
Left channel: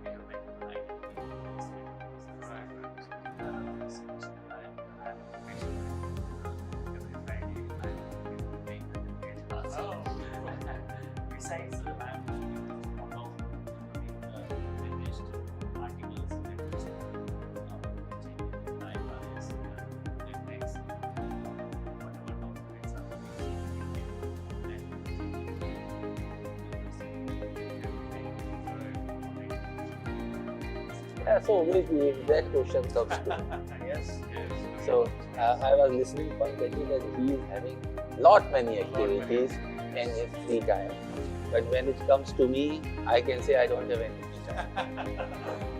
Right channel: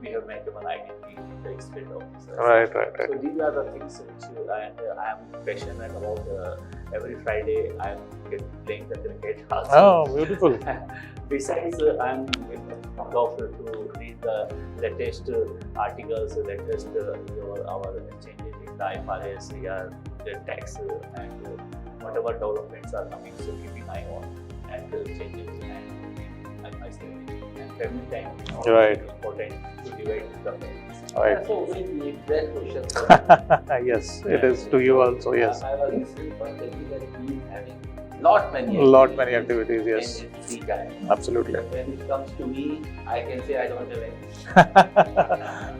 we have made one identity in the state office. Right. So these are the things which I am passionate about. Every Friday I am playing the cricket. Oh, beautiful. Besides, I am fond to read the latest articles, latest our changes in the IFRS, the tax, and whatever developments are coming. So keeping eye on and changes and myself and family time. Right. Important to divide the families. Right. So very great question for Yes, it is to you also. Yes. I was listening Pankaj that he is having lot many activities, yes. in free time. Absolutely. But when it comes to me, I can say I don't have any.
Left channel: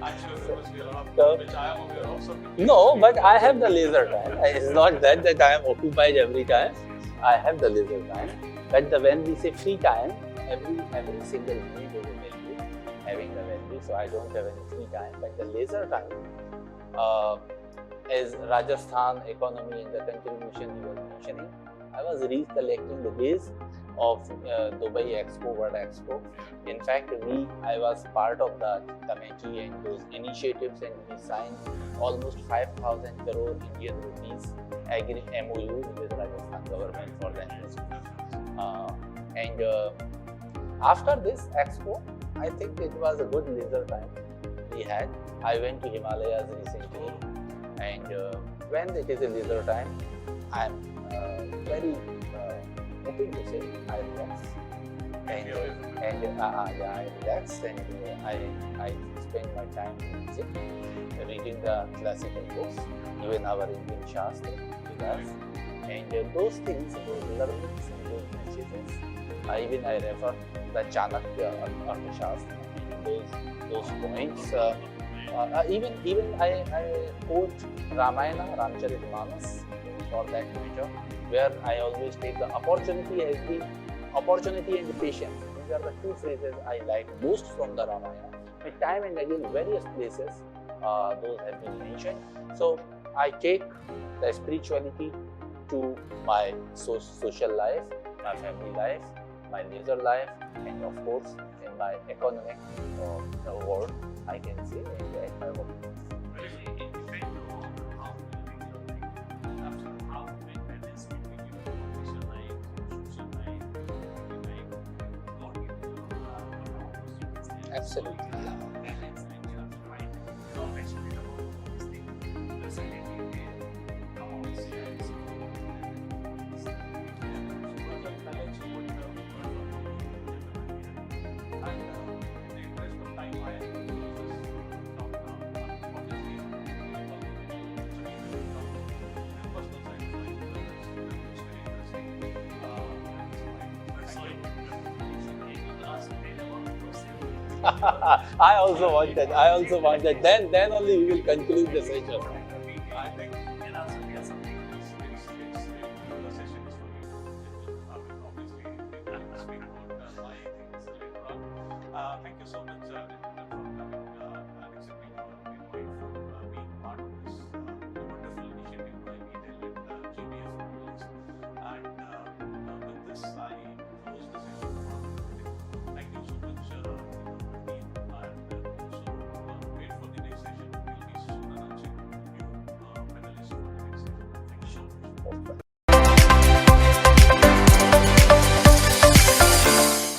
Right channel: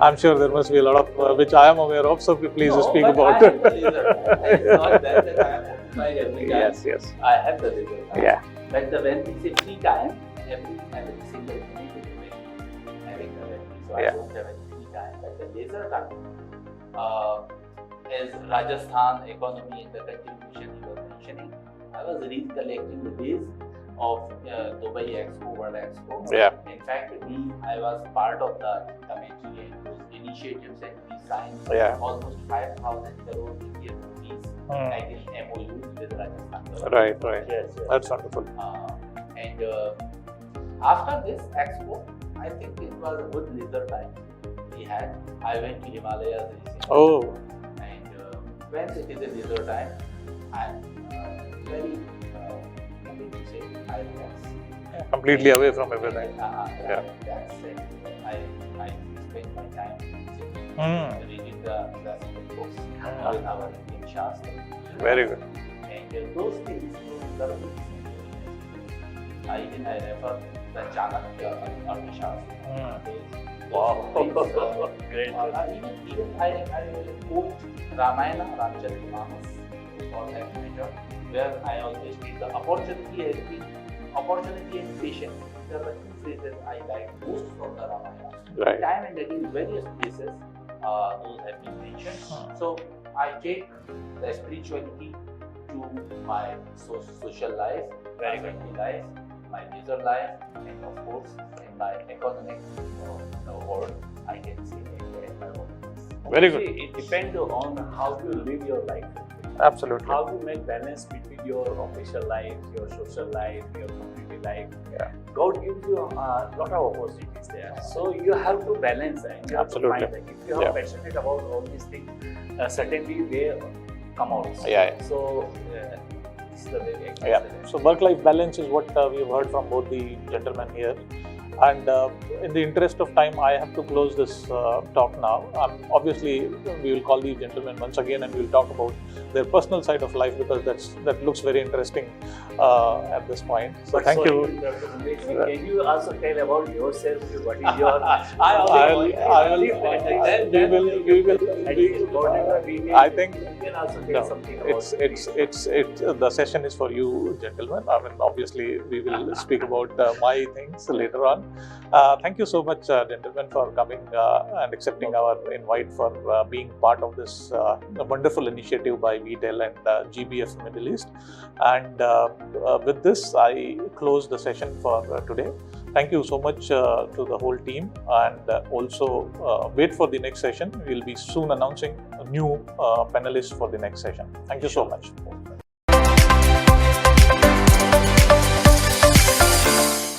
I'm sure there must be a lot of which I am aware of, so please No, speak but about I it. have the leisure time. It's not that I am occupied every time. Yes. I have the leisure time. Yeah. But when we say free time, every single individual will be having the value. So I Yeah. don't have any free time. But the leisure time, as Rajasthan economy in the continuation you were mentioning, I was recollecting the days of Dubai Expo, World Expo. Yeah. In fact, I was part of the committee and those initiatives, and we signed Yeah. almost 5,000 crore Indian rupees Mm. agreed MOU with Rajasthan government. Right. Yes, yes. That's wonderful. And after this expo, I think it was a good leisure time we had. I went to Himalayas recently. Oh, And when it is a leisure time, I'm very happy to say I relax. completely away from everything. Yeah. That's and I spend my time reading the classical books in our Indian Shastra. Very good. And those things, those learnings and those messages, I refer the Chanakya Arthashastra. Those things, even I quote Ramayana, Ramcharitmanas, all that matter, where I always take the opportunity and patience. These are the two phrases I like most from the Ramayana. Right. Time and again, various places, those have been mentioned. So I take the spirituality to my social life, my family life, my leisure life, and of course in my economic world, I can say, and my work. Very good. See, it depends on how you live your life, Absolutely. how you make balance between your official life, your social life, your community life. Yeah. God gives you a lot of opportunities there. Absolutely. So you have to balance and you have to Absolutely. find that if you are Yeah. passionate about all these things, certainly they come out. Yeah. So this is the way I Yeah. can say. So work-life balance is what we've heard from both the gentlemen here. And in the interest of time, I have to close this talk now. Obviously, we will call the gentlemen once again and we'll talk about their personal side of life because that looks very interesting at this point. So But thank sorry, you. Dr. Mangesh, can you also tell about yourself? What is your I also I'll- want that. I also want that. that. Then We will- whatever we can, I think you can also tell no, something about it's the session is for you, gentlemen. I mean, obviously, we will speak about my things later on. Thank you so much, gentlemen, for coming and accepting our invite for being part of this wonderful initiative by VTEL and GBF Middle East. And with this, I close the session for today. Thank you so much to the whole team, and also wait for the next session. We'll be soon announcing a new panelist for the next session. Thank you so much.